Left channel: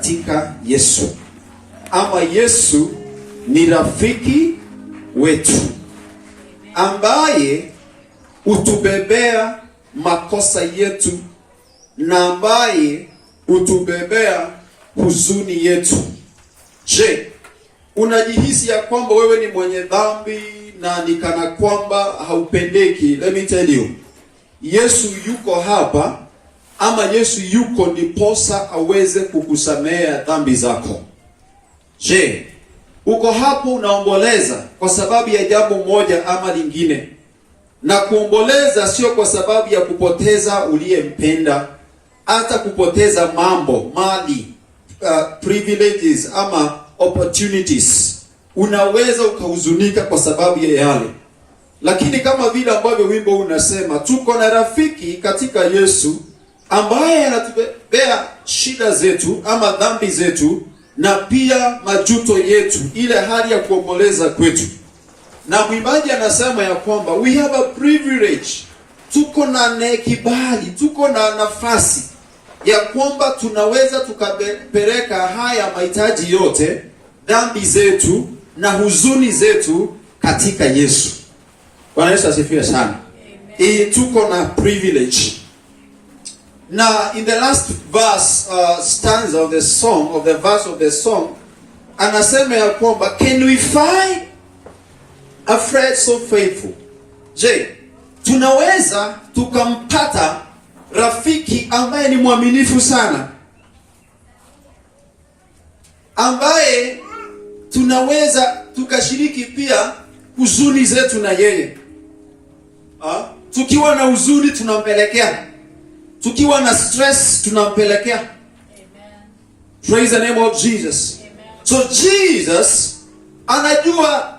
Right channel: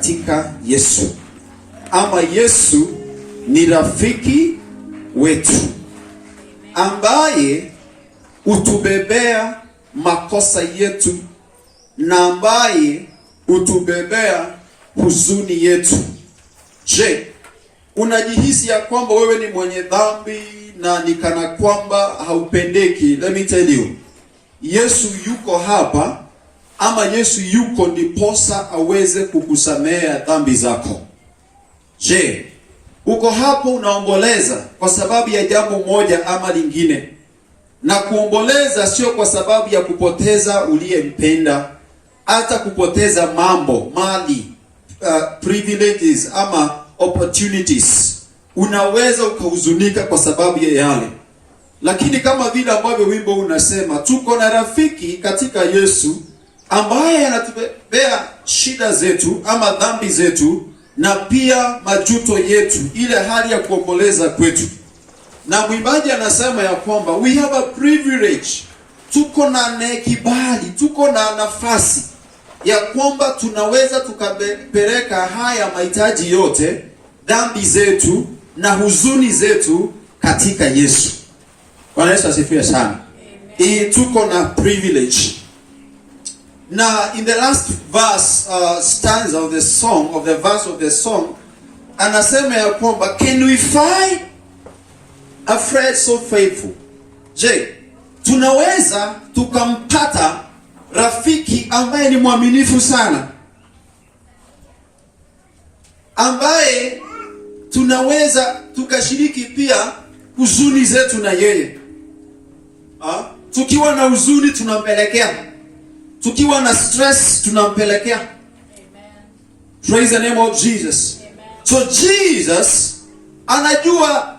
katika Yesu, ama Yesu ni rafiki wetu ambaye utubebea makosa yetu na ambaye utubebea huzuni yetu. Je, unajihisi ya kwamba wewe ni mwenye dhambi na ni kana kwamba haupendeki? Let me tell you, Yesu yuko hapa, ama Yesu yuko ndiposa aweze kukusamea dhambi zako. Je, uko hapo unaomboleza kwa sababu ya jambo moja ama lingine? Na kuomboleza sio kwa sababu ya kupoteza uliyempenda, hata kupoteza mambo, mali, privileges ama opportunities. Unaweza ukahuzunika kwa sababu ya yale. Lakini kama vile ambavyo wimbo unasema, tuko na rafiki katika Yesu ambaye anatubebea shida zetu ama dhambi zetu na pia majuto yetu, ile hali ya kuomboleza kwetu. Na mwimbaji anasema ya kwamba we have a privilege, tuko na kibali, tuko na nafasi ya kwamba tunaweza tukapeleka haya mahitaji yote, dhambi zetu na huzuni zetu katika Yesu. Bwana Yesu asifiwe sana. Tuko na privilege. Now, in the last verse, stanza of the song, of the verse of the song, anasema ya kwamba, can we find a friend so faithful? Je, tunaweza tukampata rafiki ambaye ni mwaminifu sana, ambaye tunaweza tukashiriki pia huzuni zetu na yeye? Tukiwa na huzuni tunampelekea, tukiwa na stress tunampelekea. Praise the name of Jesus. Amen. So Jesus anajua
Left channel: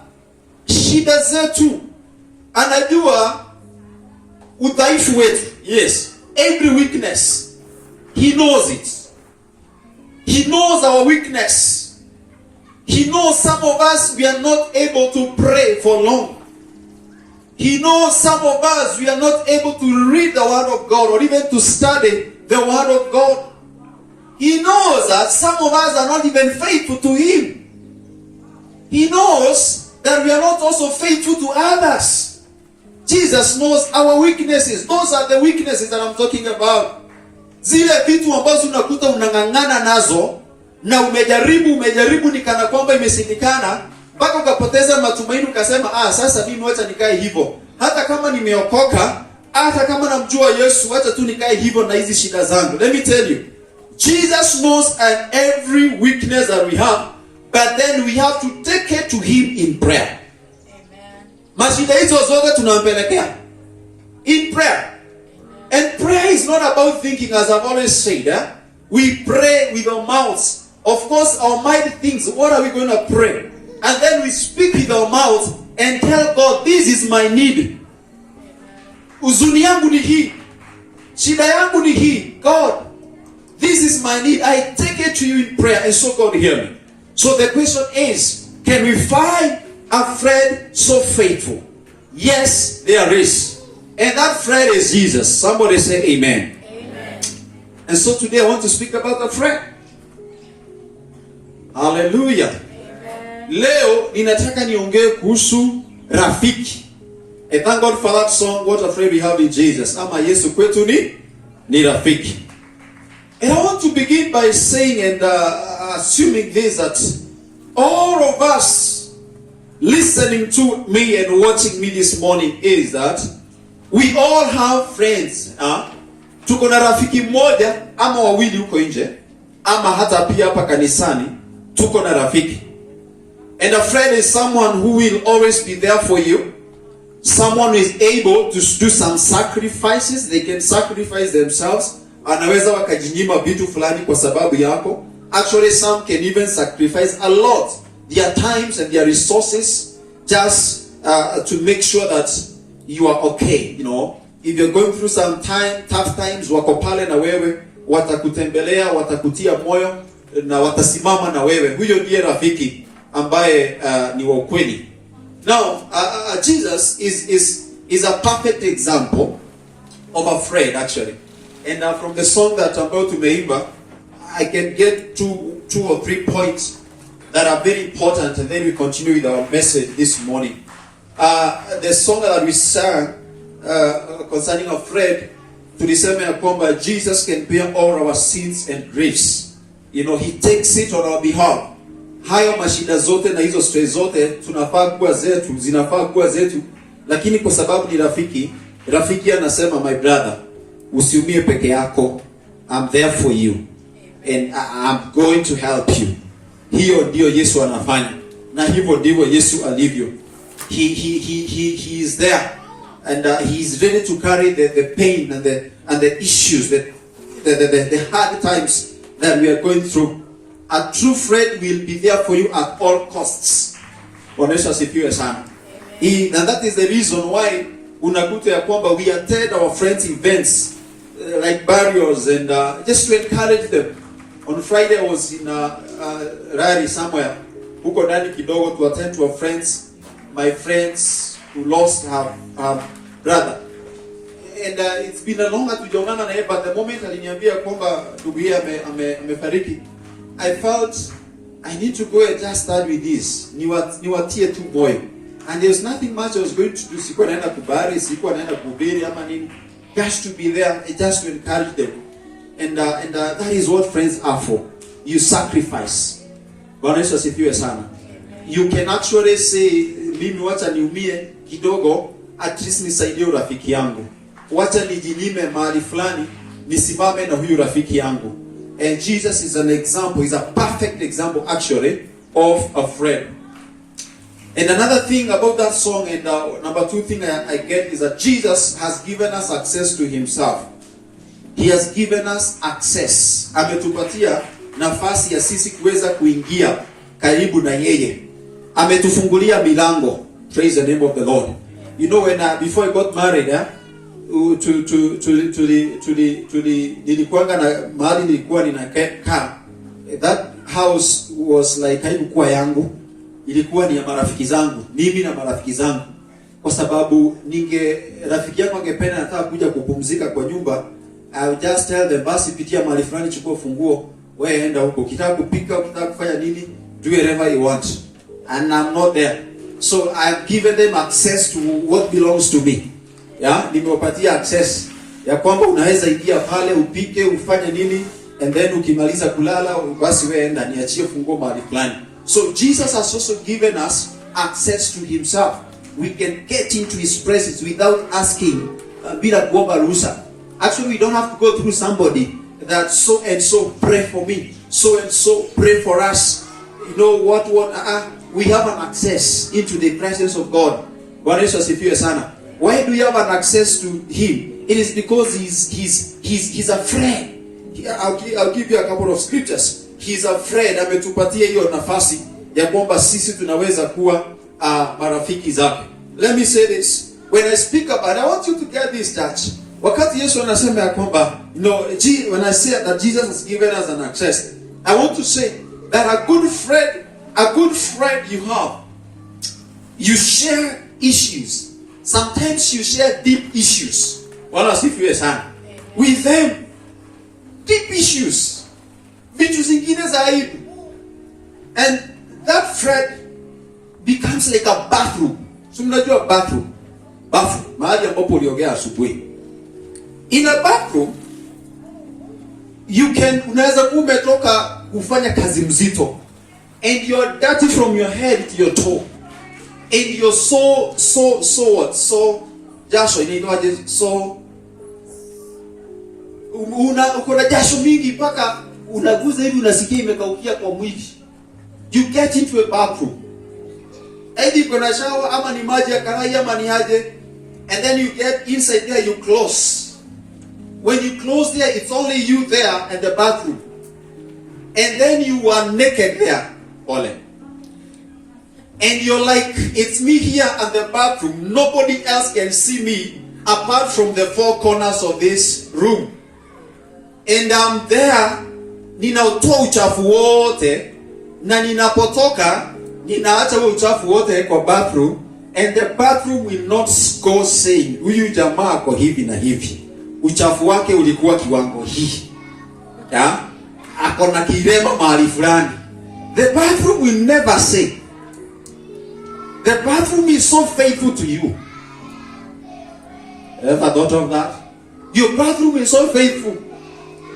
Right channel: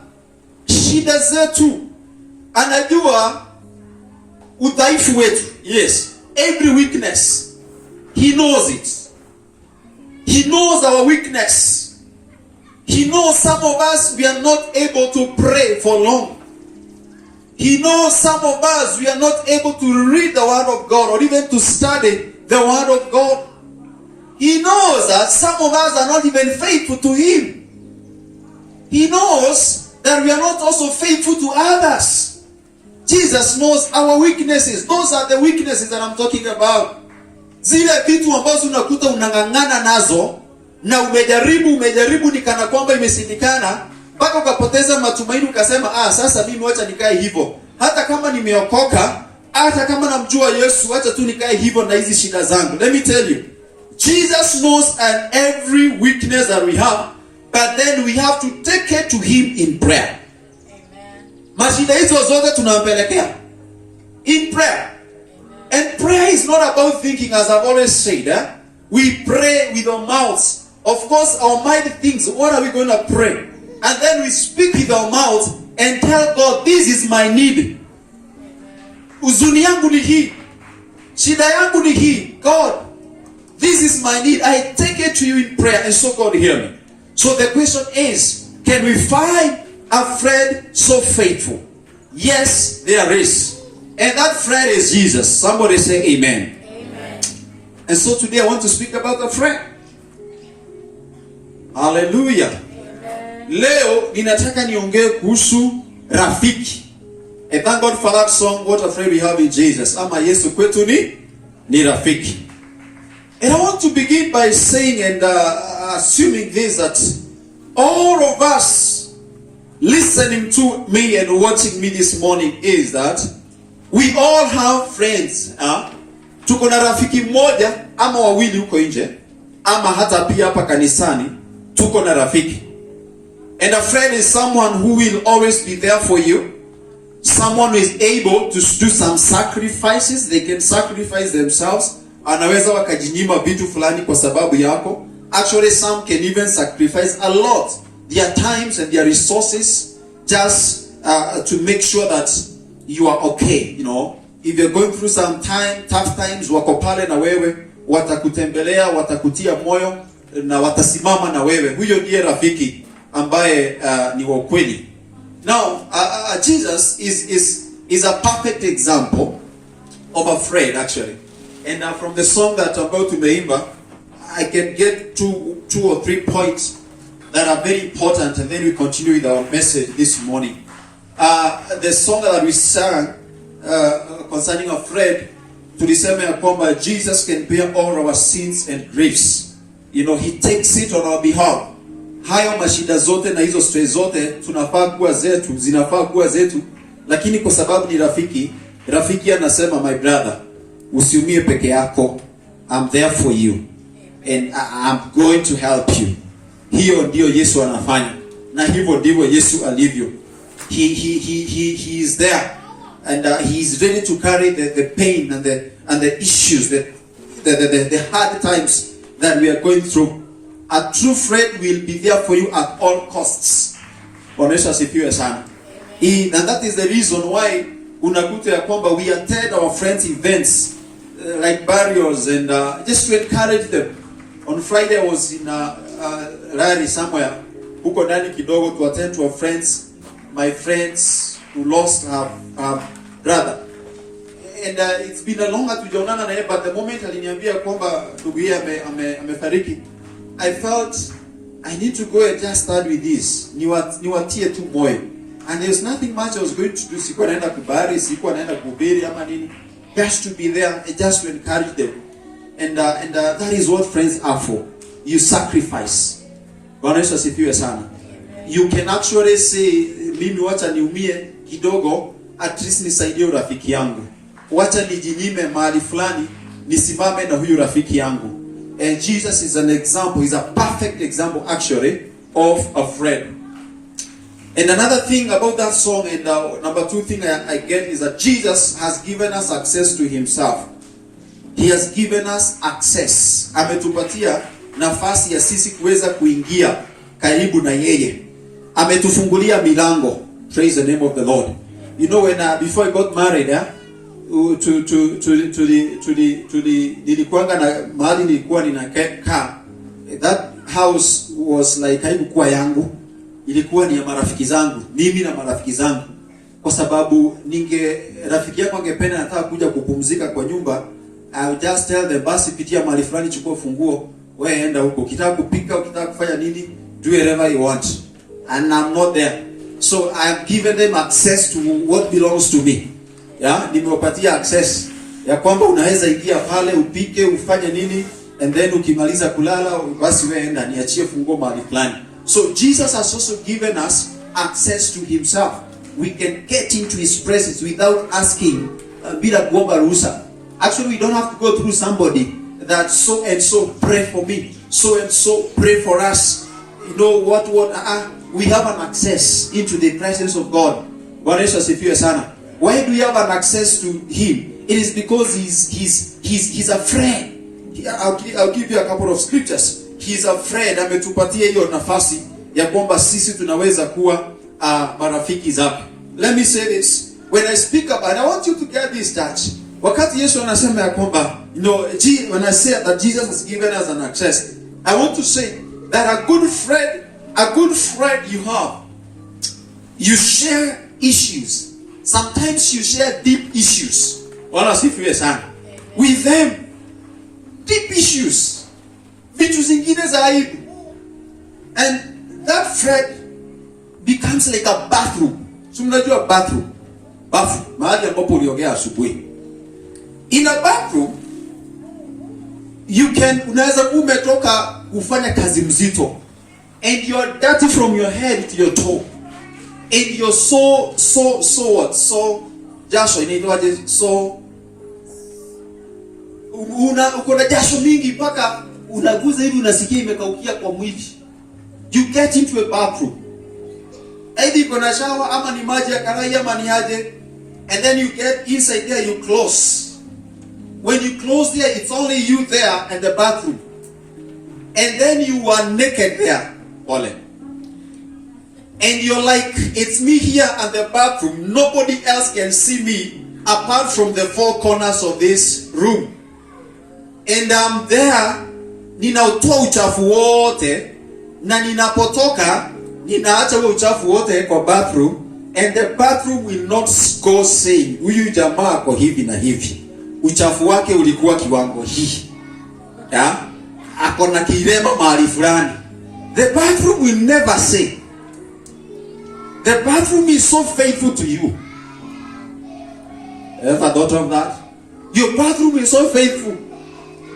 shida zetu, anajua udhaifu wetu. Yes, every weakness he knows it. He knows our weakness. He knows some of us we are not able to pray for long. He knows some of us we are not able to read the Word of God or even to study the Word of God. He knows that some of us are not even faithful to Him. He knows that we are not also faithful to others. Jesus knows our weaknesses. Those are the weaknesses that I'm talking about. Zile vitu ambazo unakuta unang'ang'ana nazo na umejaribu ni kana kwamba imesindikana, mpaka ukapoteza matumaini ukasema, sasa mimi wacha nikae hivyo. Hata kama nimeokoka, hata kama namjua Yesu, acha tu nikae hivyo na hizi shida zangu. Let me tell you, Jesus knows and every weakness that we have, but then we have to take it to Him in prayer. Amen. Mashida hizo zote tunampelekea in prayer. And prayer is not about thinking, as I've always said. We pray with our mouths. Of course, our mind thinks, what are we going to pray? And then we speak with our mouth and tell God, this is my need. Huzuni yangu ni hii. Shida yangu ni hii. God, this is my need. I take it to you in prayer, and so God hear me. So the question is, can we find a friend so faithful? Yes, there is. And that friend is Jesus. Somebody say amen. Amen. And so today I want to speak about a friend. Hallelujah. Amen. Leo ninataka niongee kuhusu rafiki. And thank God for that song, what a friend we have in Jesus. Ama Yesu kwetu ni rafiki. And I want to begin by saying and assuming this, that all of us listening to me and watching me this morning is that we all have friends. Tuko na rafiki mmoja ama wawili huko nje, ama hata pia hapa kanisani tuko na rafiki. And a friend is someone who will always be there for you. Someone who is able to do some sacrifices. They can sacrifice themselves. Anaweza wakajinyima vitu fulani kwa sababu yako. Actually, some can even sacrifice a lot, their times and their resources, just to make sure that you are okay. You know, if you're going through some tough times, wako pale na wewe, watakutembelea, watakutia moyo na watasimama na wewe. Huyo ndiye rafiki ambaye ni wa kweli. Now, Jesus is a perfect example of a friend, actually. And from the song that I'm about to meimba, I can get two or three points that are very important, and then we continue with our message this morning. The song that we sang concerning Fred, tulisema ya kwamba Jesus can bear all our sins and griefs. You know, he takes it on our behalf. Hayo mashida zote na hizo stress zote tunafaa kuwa zetu, zinafaa kuwa zetu, lakini kwa sababu ni rafiki anasema, my brother, usiumie peke yako. I'm there for you and I'm going to help you. Hiyo ndio Yesu anafanya, na hivyo ndivyo Yesu alivyo. He is there, and he is ready to carry the pain and the issues, the hard times that we are going through. A true friend will be there for you at all costs. Onesha sifiwe sana. And that is the reason why unakuta ya kwamba we attend our friends' events like burials and just to encourage them. On Friday I was in Rari somewhere, huko ndani kidogo, to attend to our friends, my friends who lost her brother. And it's been a long time tujaonana na yeye, but the moment aliniambia kwamba ndugu yake amefariki, I felt I need to go and just start with this. Niwatie tu moyo. And there's nothing much I was going to do. Sikuwa naenda kubari, sikuwa naenda kuhubiri ama nini. Just to be there, just to encourage them. And that is what friends are for. You sacrifice. Bwana Yesu asifiwe sana. You can actually say, mimi wacha niumie kidogo, at least nisaidie rafiki yangu. Wacha nijinyime mahali fulani, nisimame na huyu rafiki yangu. And Jesus is an example, he's a perfect example actually of a friend. And another thing about that song, and number two thing I get, is that Jesus has given us access to himself. He has given us access. Ametupatia nafasi ya sisi kuweza kuingia karibu na yeye. Ametufungulia milango. Praise the name of the Lord. You know, when before I got married, nilikuanga na mahali nilikuwa ninakaa. That house was like haikuwa yangu, ilikuwa ni ya marafiki zangu, mimi na marafiki zangu. Kwa sababu rafiki yako angependa nataka kuja kupumzika kwa nyumba, I would just tell them, basi pitia mahali fulani, chukua funguo, wewe enda huko. Ukitaka kupika, ukitaka kufanya nini, do whatever you want. And I'm not there. So I've given them access to what belongs to me. Nimewapatia access ya kwamba unaweza ingia pale upike, ufanye nini, and then ukimaliza kulala basi wewe enda, niachie funguo mahali fulani. So Jesus has also given us access to himself. We can get into his presence without asking, bila kuomba ruhusa. Actually, we don't have to go through somebody that so and so pray for me, so and so pray for us. You know what we have an access into the presence of God. Bwana Yesu asifiwe sana. Why do you have an access to him? It is because he's a friend. I'll give you a couple of scriptures. He's a friend. Ametupatia hiyo nafasi ya kwamba sisi tunaweza kuwa marafiki zake. Let me say this. When I speak about, I want you to get this touch. Wakati Yesu anasema ya kwamba, you know, when I say that Jesus has given us an access, I want to say that a good friend you have, you share issues. Sometimes you share deep issues. Wala sifiwe sana. With them, deep issues. Vitu zingine za aibu. And that friend becomes like a bathroom. So mnajua bathroom. Mahali ambapo uliogea asubuhi. In a bathroom, unaweza kuwa umetoka kufanya kazi mzito, and you're dirty from your head to your toe. And you're so jasho inaitwaje, uko na jasho mingi mpaka unaguza hivi unasikia imekaukia kwa mwili. You get into a bathroom, either iko na shower ama ni maji ya karai ama ni aje, and then you get inside there, you close. When you close there, it's only you there and the bathroom, and then you are naked there, Ole. And you're like, it's me here at the bathroom. Nobody else can see me apart from the four corners of this room. And I'm there, ninautoa uchafu wote, na ninapotoka, ninaacha uchafu wote kwa bathroom, and the bathroom will not go saying, huyu jamaa ako hivi na hivi. Uchafu wake ulikuwa kiwango hii. akona kirema mahali fulani. The bathroom will never say. The bathroom is so faithful to you. Ever thought of that? Your bathroom is so faithful,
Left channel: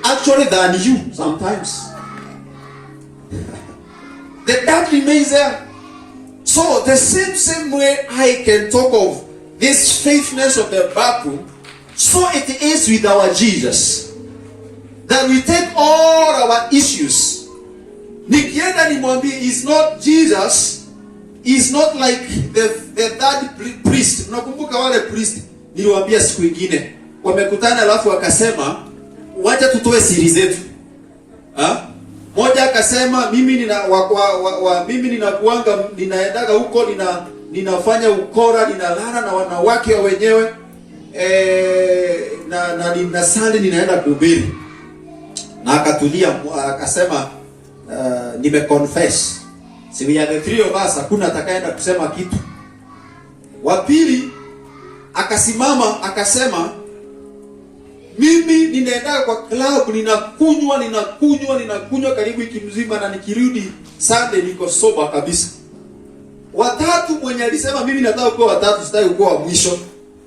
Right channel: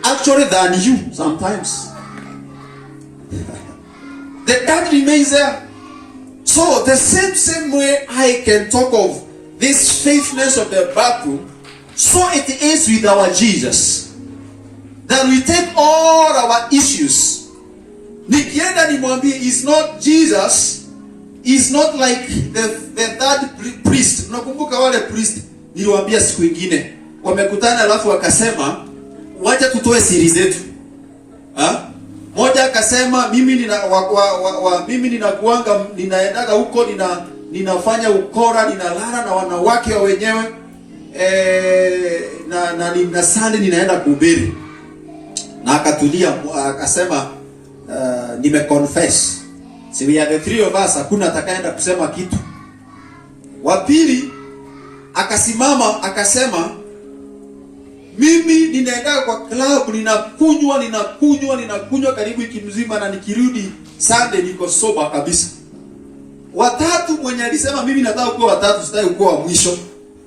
actually, than you sometimes. The dirt remains there. So the same way I can talk of this faithfulness of the bathroom, so it is with our Jesus. That we take all our issues. Nikienda nimwambie is not Jesus, is not like the third priest. Unakumbuka wale priest niliwaambia siku nyingine wamekutana, alafu wakasema wacha tutoe siri zetu. Mmoja akasema mimi ninakuanga ninaendaga huko ninafanya ukora, ninalala na wanawake wa wenyewe na ninasali, ninaenda kuhubiri. Na akatulia akasema nimeconfess. Si we are the three of us, hakuna atakayeenda kusema kitu. Wa pili akasimama akasema mimi ninaenda kwa club, ninakunywa karibu wiki mzima, na nikirudi Sunday niko sober kabisa. Watatu mwenye alisema mimi nataka kuwa watatu, sitaki kuwa wa mwisho.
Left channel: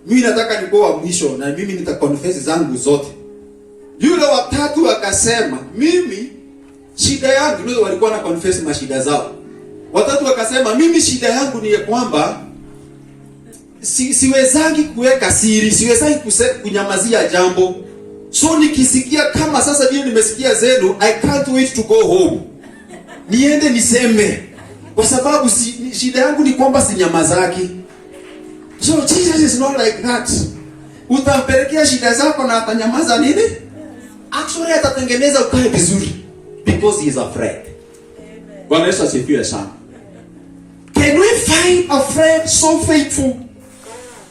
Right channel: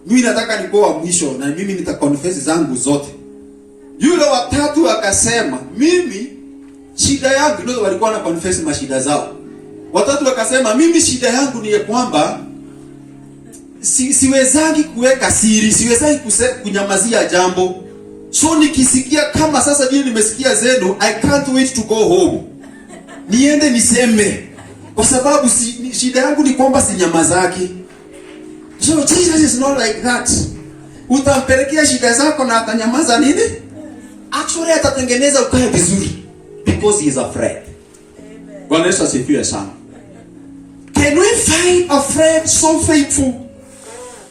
Mimi nataka nikuwa wa mwisho na mimi nitaconfess zangu zote. Yule watatu akasema mimi shida yangu, ndio walikuwa na confess mashida zao. Watatu akasema mimi shida yangu ni kwamba siwezangi kuweka siri, siwezangi kunyamazia jambo. So nikisikia kama sasa vile nimesikia zenu, I can't wait to go home. Niende niseme, kwa sababu shida yangu ni kwamba sinyamazaki. So Jesus is not like that. Utampelekea shida zako na atanyamaza nini? Actually atatengeneza ukae vizuri, because he is a friend. Bwana Yesu asifiwe sana. Can we find a friend so faithful?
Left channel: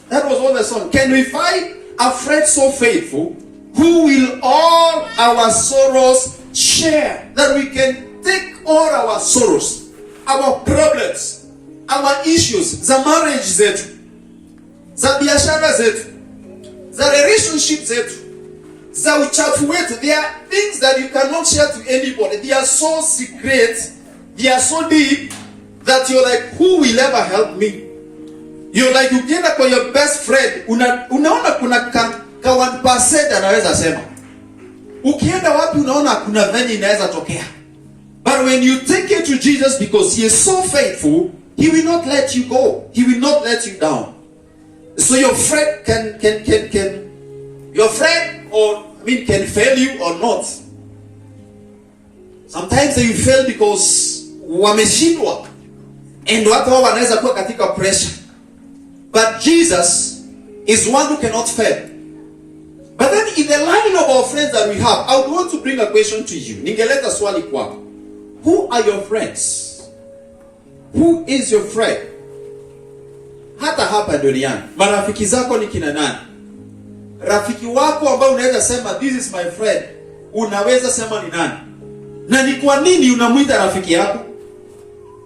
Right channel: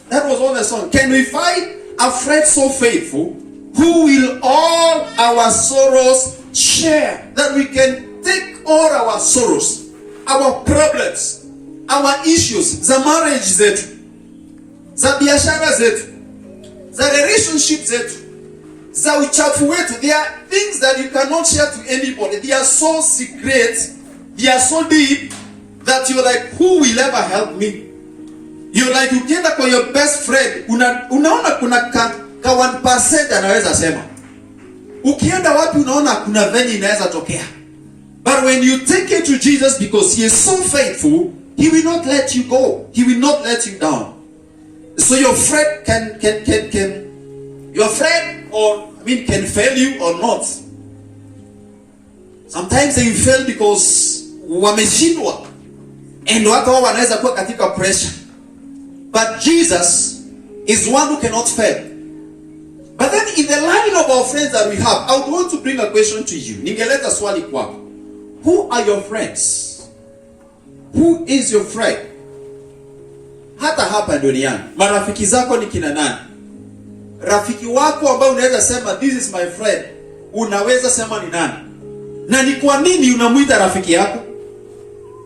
That was all the song. Can we find a friend so faithful who will all our sorrows share? That we can take all our sorrows, our problems, our issues, za marriage zetu, za biashara zetu, za relationship zetu, za uchafu wetu. There are things that you cannot share to anybody. They are so secret, they are so deep that you're like, who will ever help me? You're like, ukienda kwa your best friend, unaona kuna ka 1% anaweza sema. Ukienda wapi unaona kuna venye inaweza tokea. But when you take it to Jesus, because he is so faithful, he will not let you go. He will not let you down. So your friend your friend can fail you or not. Sometimes they fail because wameshindwa. And watu wao wanaweza kuwa katika pressure. But Jesus is one who cannot fail. But then in the line of our friends that we have, I would want to bring a question to you. Ningeleta swali kwako. Who are your friends? Who is your friend? Hata hapa duniani, marafiki zako ni kina nani? Rafiki wako ambao unaweza sema this is my friend, unaweza sema ni nani? Na ni kwa nini unamuita rafiki yako?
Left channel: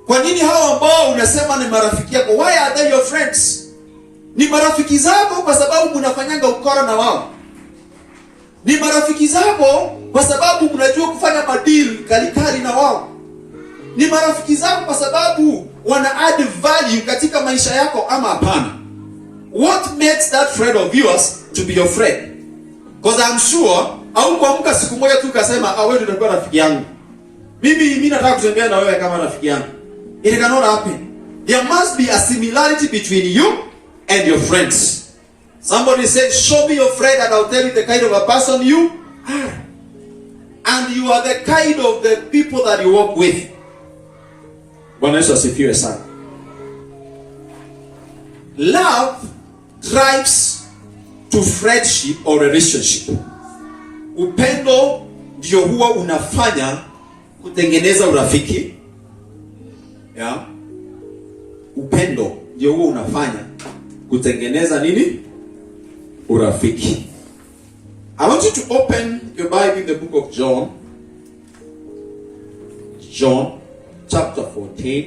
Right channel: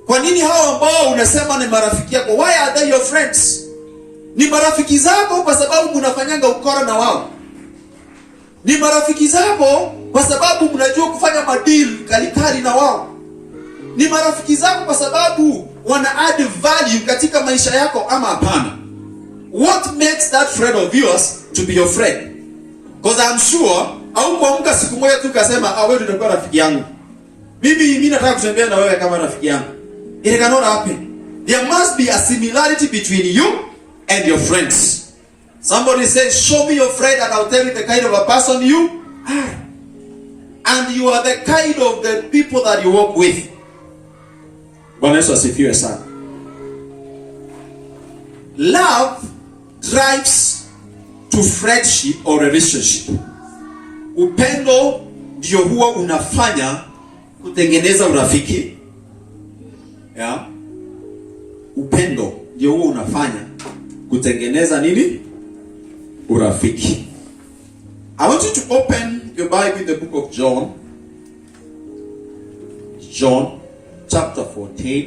Kwa nini hao ambao unasema ni marafiki yako, why are they your friends? Ni marafiki zako kwa sababu mnafanyanga ukora na wao. Ni marafiki zako kwa sababu mnajua kufanya madeal kalikali na wao. Ni marafiki zako kwa sababu wana add value katika maisha yako, ama hapana? What makes that friend of yours to be your friend? Because I'm sure au kuamka siku moja tu kasema wewe ndio unakuwa rafiki yangu. Mimi nataka kutembea na wewe kama rafiki yangu. It cannot happen. There must be a similarity between you and your friends. Somebody says, show me your friend and I'll tell you the kind of a person you are. And you are the kind of the people that you work with. Bwana Yesu asifiwe sana. Love drives to friendship or relationship. Upendo ndio huwa unafanya kutengeneza urafiki. Yeah. Upendo ndio huwa unafanya kutengeneza nini? Urafiki. I want you to open your Bible in the book of John. John chapter 14.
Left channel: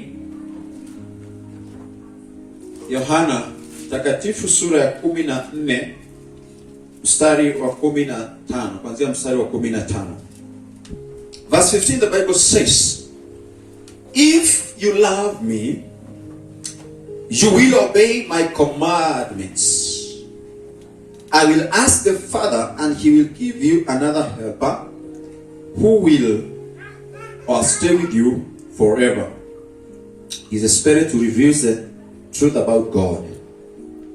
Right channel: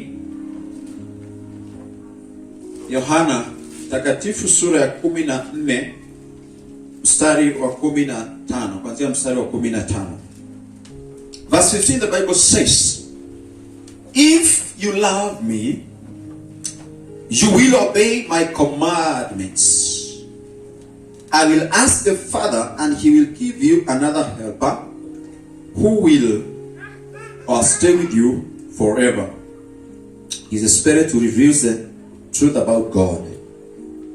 Yohana takatifu sura ya 14 mstari wa 15, kuanzia mstari wa 15. Verse 15, the Bible says, if you love me, you will obey my commandments. I will ask the Father, and he will give you another helper who will stay with you forever. He's a spirit who reveals the truth about God.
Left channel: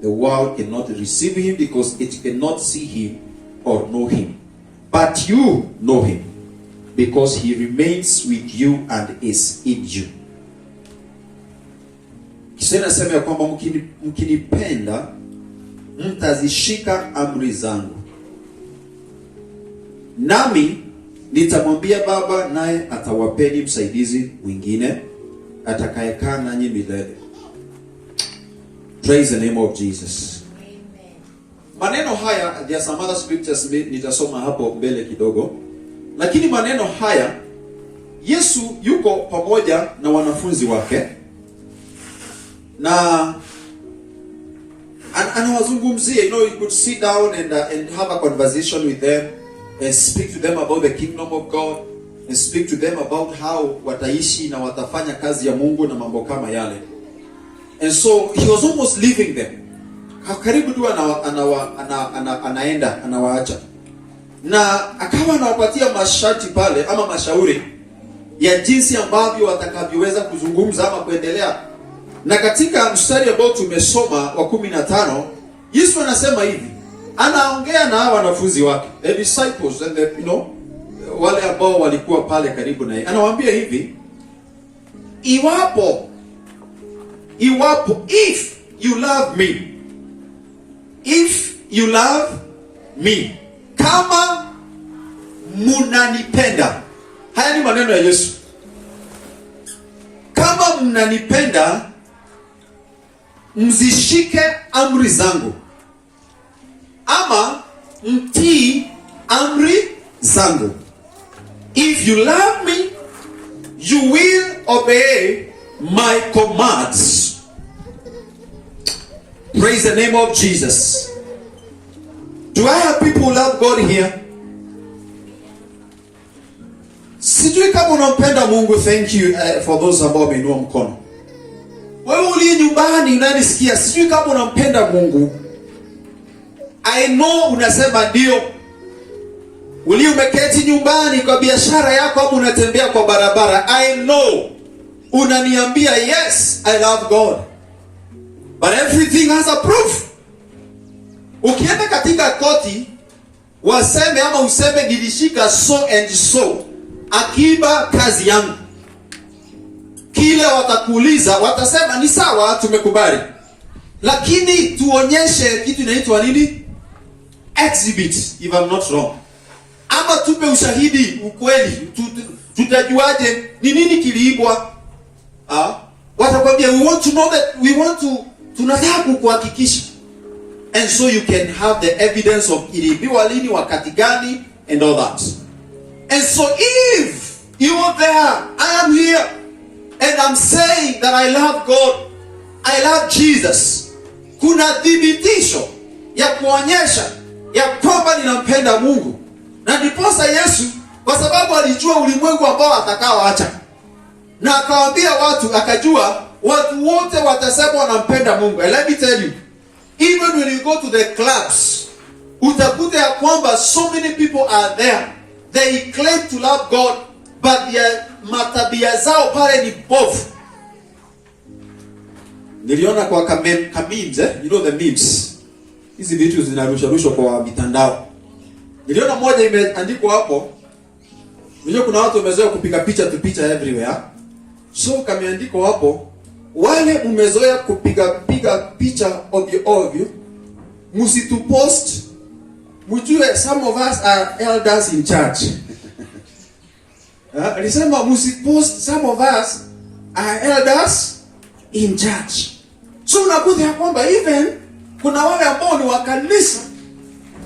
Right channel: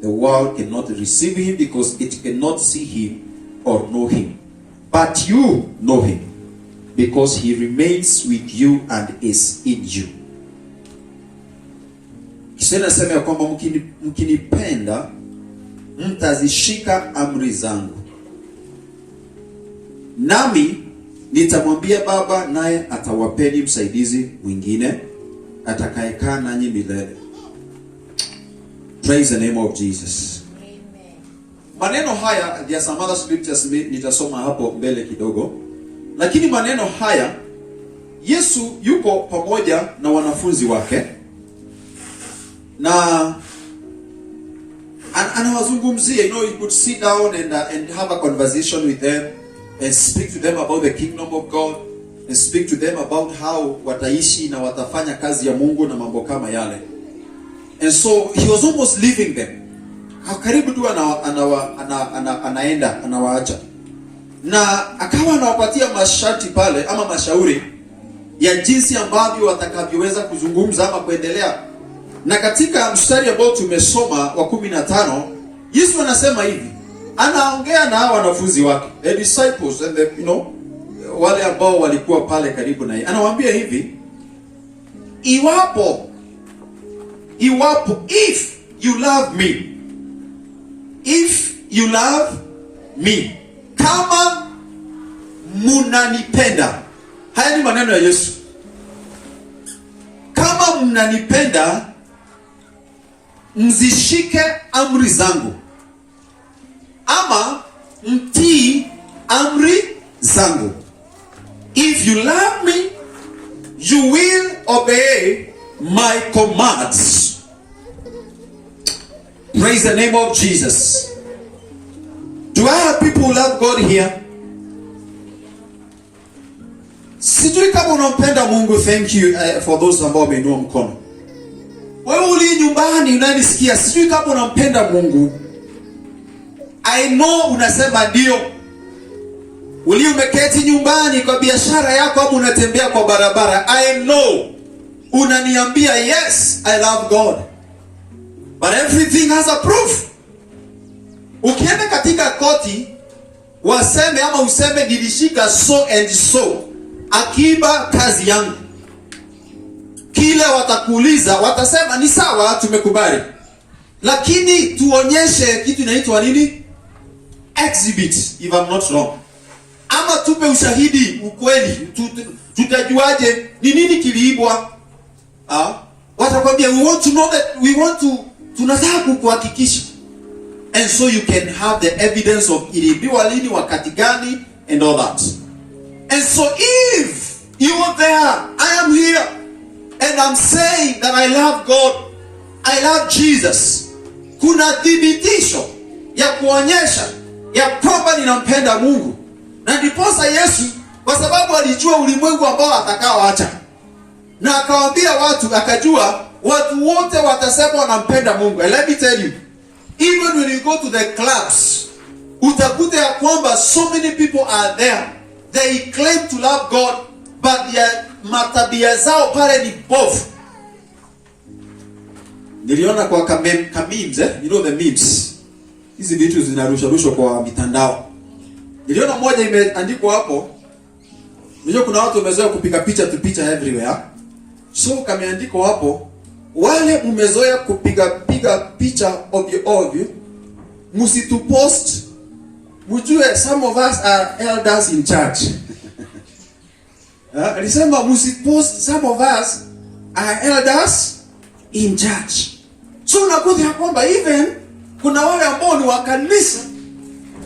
The world cannot receive him because it cannot see him or know him. But you know him because he remains with you and is in you. Kisha nasema ya kwamba mkinipenda mtazishika amri zangu. Nami nitamwambia Baba, naye atawapeni msaidizi mwingine atakayekaa nanyi milele. Praise the name of Jesus. Amen. Maneno haya, there are some other scriptures nitasoma hapo mbele kidogo. Lakini maneno haya, Yesu yuko pamoja na wanafunzi wake. Na anawazungumzia, you could sit down and have a conversation with them and speak to them about the kingdom of God and speak to them about how wataishi na watafanya kazi ya Mungu na mambo kama yale. And so he was almost leaving them. Karibu tu anaenda anawaacha. Na akawa anawapatia masharti pale ama mashauri ya jinsi ambavyo watakavyoweza kuzungumza ama kuendelea. Na katika mstari ambao tumesoma wa 15, Yesu anasema hivi. Anaongea na wanafunzi wake, the disciples and wale ambao walikuwa pale karibu naye. Anawaambia hivi, iwapo if you love me, kama mnanipenda. Haya ni maneno ya Yesu. Kama mnanipenda, mzishike amri zangu. Ama mtii amri zangu. If you love me, you will obey my commands. Praise the name of Jesus. Do I have people who love God here? Sijui kama unampenda Mungu. Thank you for those ambao wameinua mkono. Wewe uli nyumbani unanisikia, sijui kama unampenda Mungu. I know unasema ndio. Uli umeketi nyumbani kwa biashara yako au unatembea kwa barabara, I know unaniambia yes, I love God. But everything has a proof. Ukienda katika koti, waseme ama useme nilishika so and so, akiba kazi yangu. Kile watakuuliza, watasema ni sawa, tumekubali. Lakini tuonyeshe kitu inaitwa nini? Exhibit, if I'm not wrong. Ama tupe ushahidi, ukweli. Tutajuaje ni nini kiliibwa? Watakwambia we want to know that, tunataka kukuhakikisha. And so you can have the evidence of iliibiwa lini, wakati gani, and all that. And so if you are there, I am here, and I'm saying that I love God, I love Jesus, kuna thibitisho ya kuonyesha ya kwamba ninampenda Mungu. Na ndiposa Yesu, kwa sababu alijua ulimwengu ambao atakaoacha, na akawaambia watu, akajua watu wote watasema wanampenda Mungu. And let me tell you, even when you go to the clubs, utakuta ya kwamba so many people are there, they claim to love God, but their matabia zao pale ni bovu. Niliona kwa memes, you know the memes. Hizi vitu zinarushwa kwa mitandao. Niliona moja imeandikwa hapo. Unajua kuna watu wamezoea kupiga picha everywhere. So kameandikwa hapo, wale mmezoea kupiga picha ovyo, msitupost. Mjue some of us are elders in church. Alisema msipost, some of us are elders in church. So unakuta ya kwamba even kuna wale ambao ni wa kanisa,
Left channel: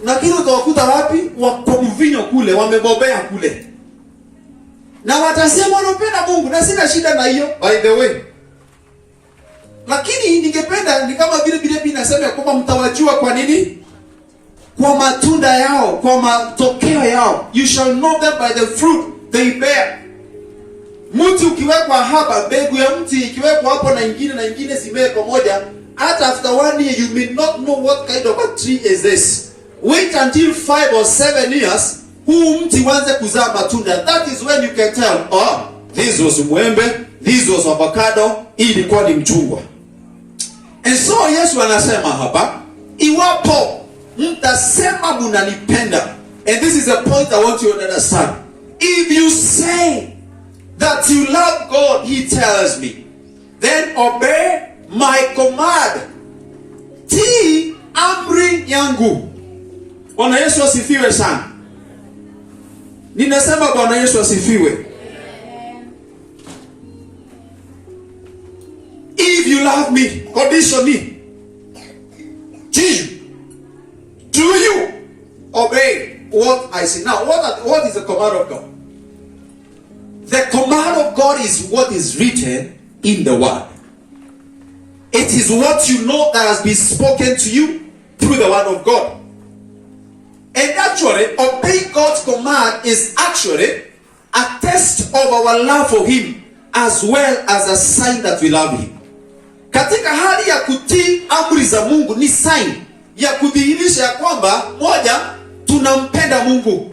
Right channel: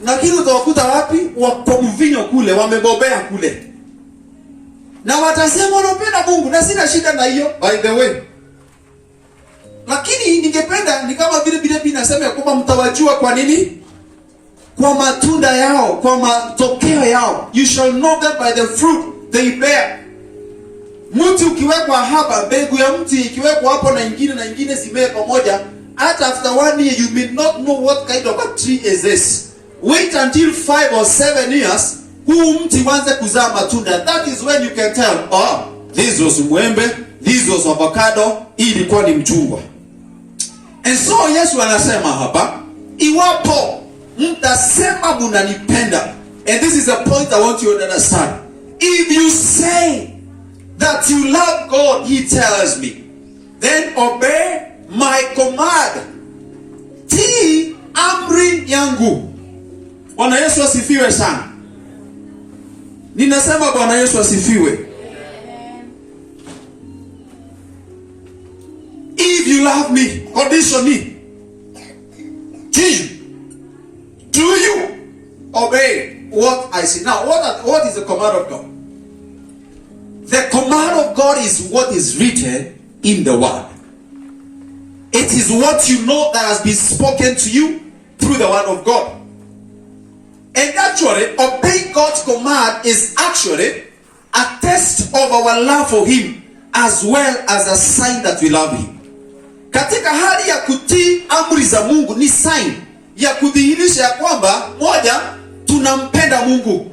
lakini utawakuta wapi? Wako mvinyo kule, wamebobea kule. Na watasema wanapenda Mungu, na sina shida na hiyo, by the way. Lakini ningependa ni kama vile Biblia inasema kwamba mtawajua kwa nini? Kwa matunda yao, kwa matokeo yao. You shall know them by the fruit they bear. Mti ukiwekwa hapa, mbegu ya mti ikiwekwa hapo na ingine zimee pamoja, hata after 1 year you may not know what kind of a tree is this. Wait until 5 or 7 years, huu mti uanze kuzaa matunda. That is when you can tell, oh, this was mwembe, this was avocado, hii ilikuwa ni mchungwa. And so Yesu anasema hapa, iwapo mtasema mnanipenda, and this is the point I want you to understand. If you say that you love God, he tells me, then obey my command. Tii amri yangu. Bwana Yesu asifiwe sana. Ninasema Bwana Yesu asifiwe. If you love me, condition me. Do you obey what I say? Now, what is the command of God? The command of God is what is written in the word. It is what you know that has been spoken to you through the word of God. And actually, obeying God's command is actually a test of our love for him, as well as a sign that we love him. Katika hali ya kutii amri za Mungu ni sign ya kudhihirisha ya kwamba, moja, tunampenda Mungu.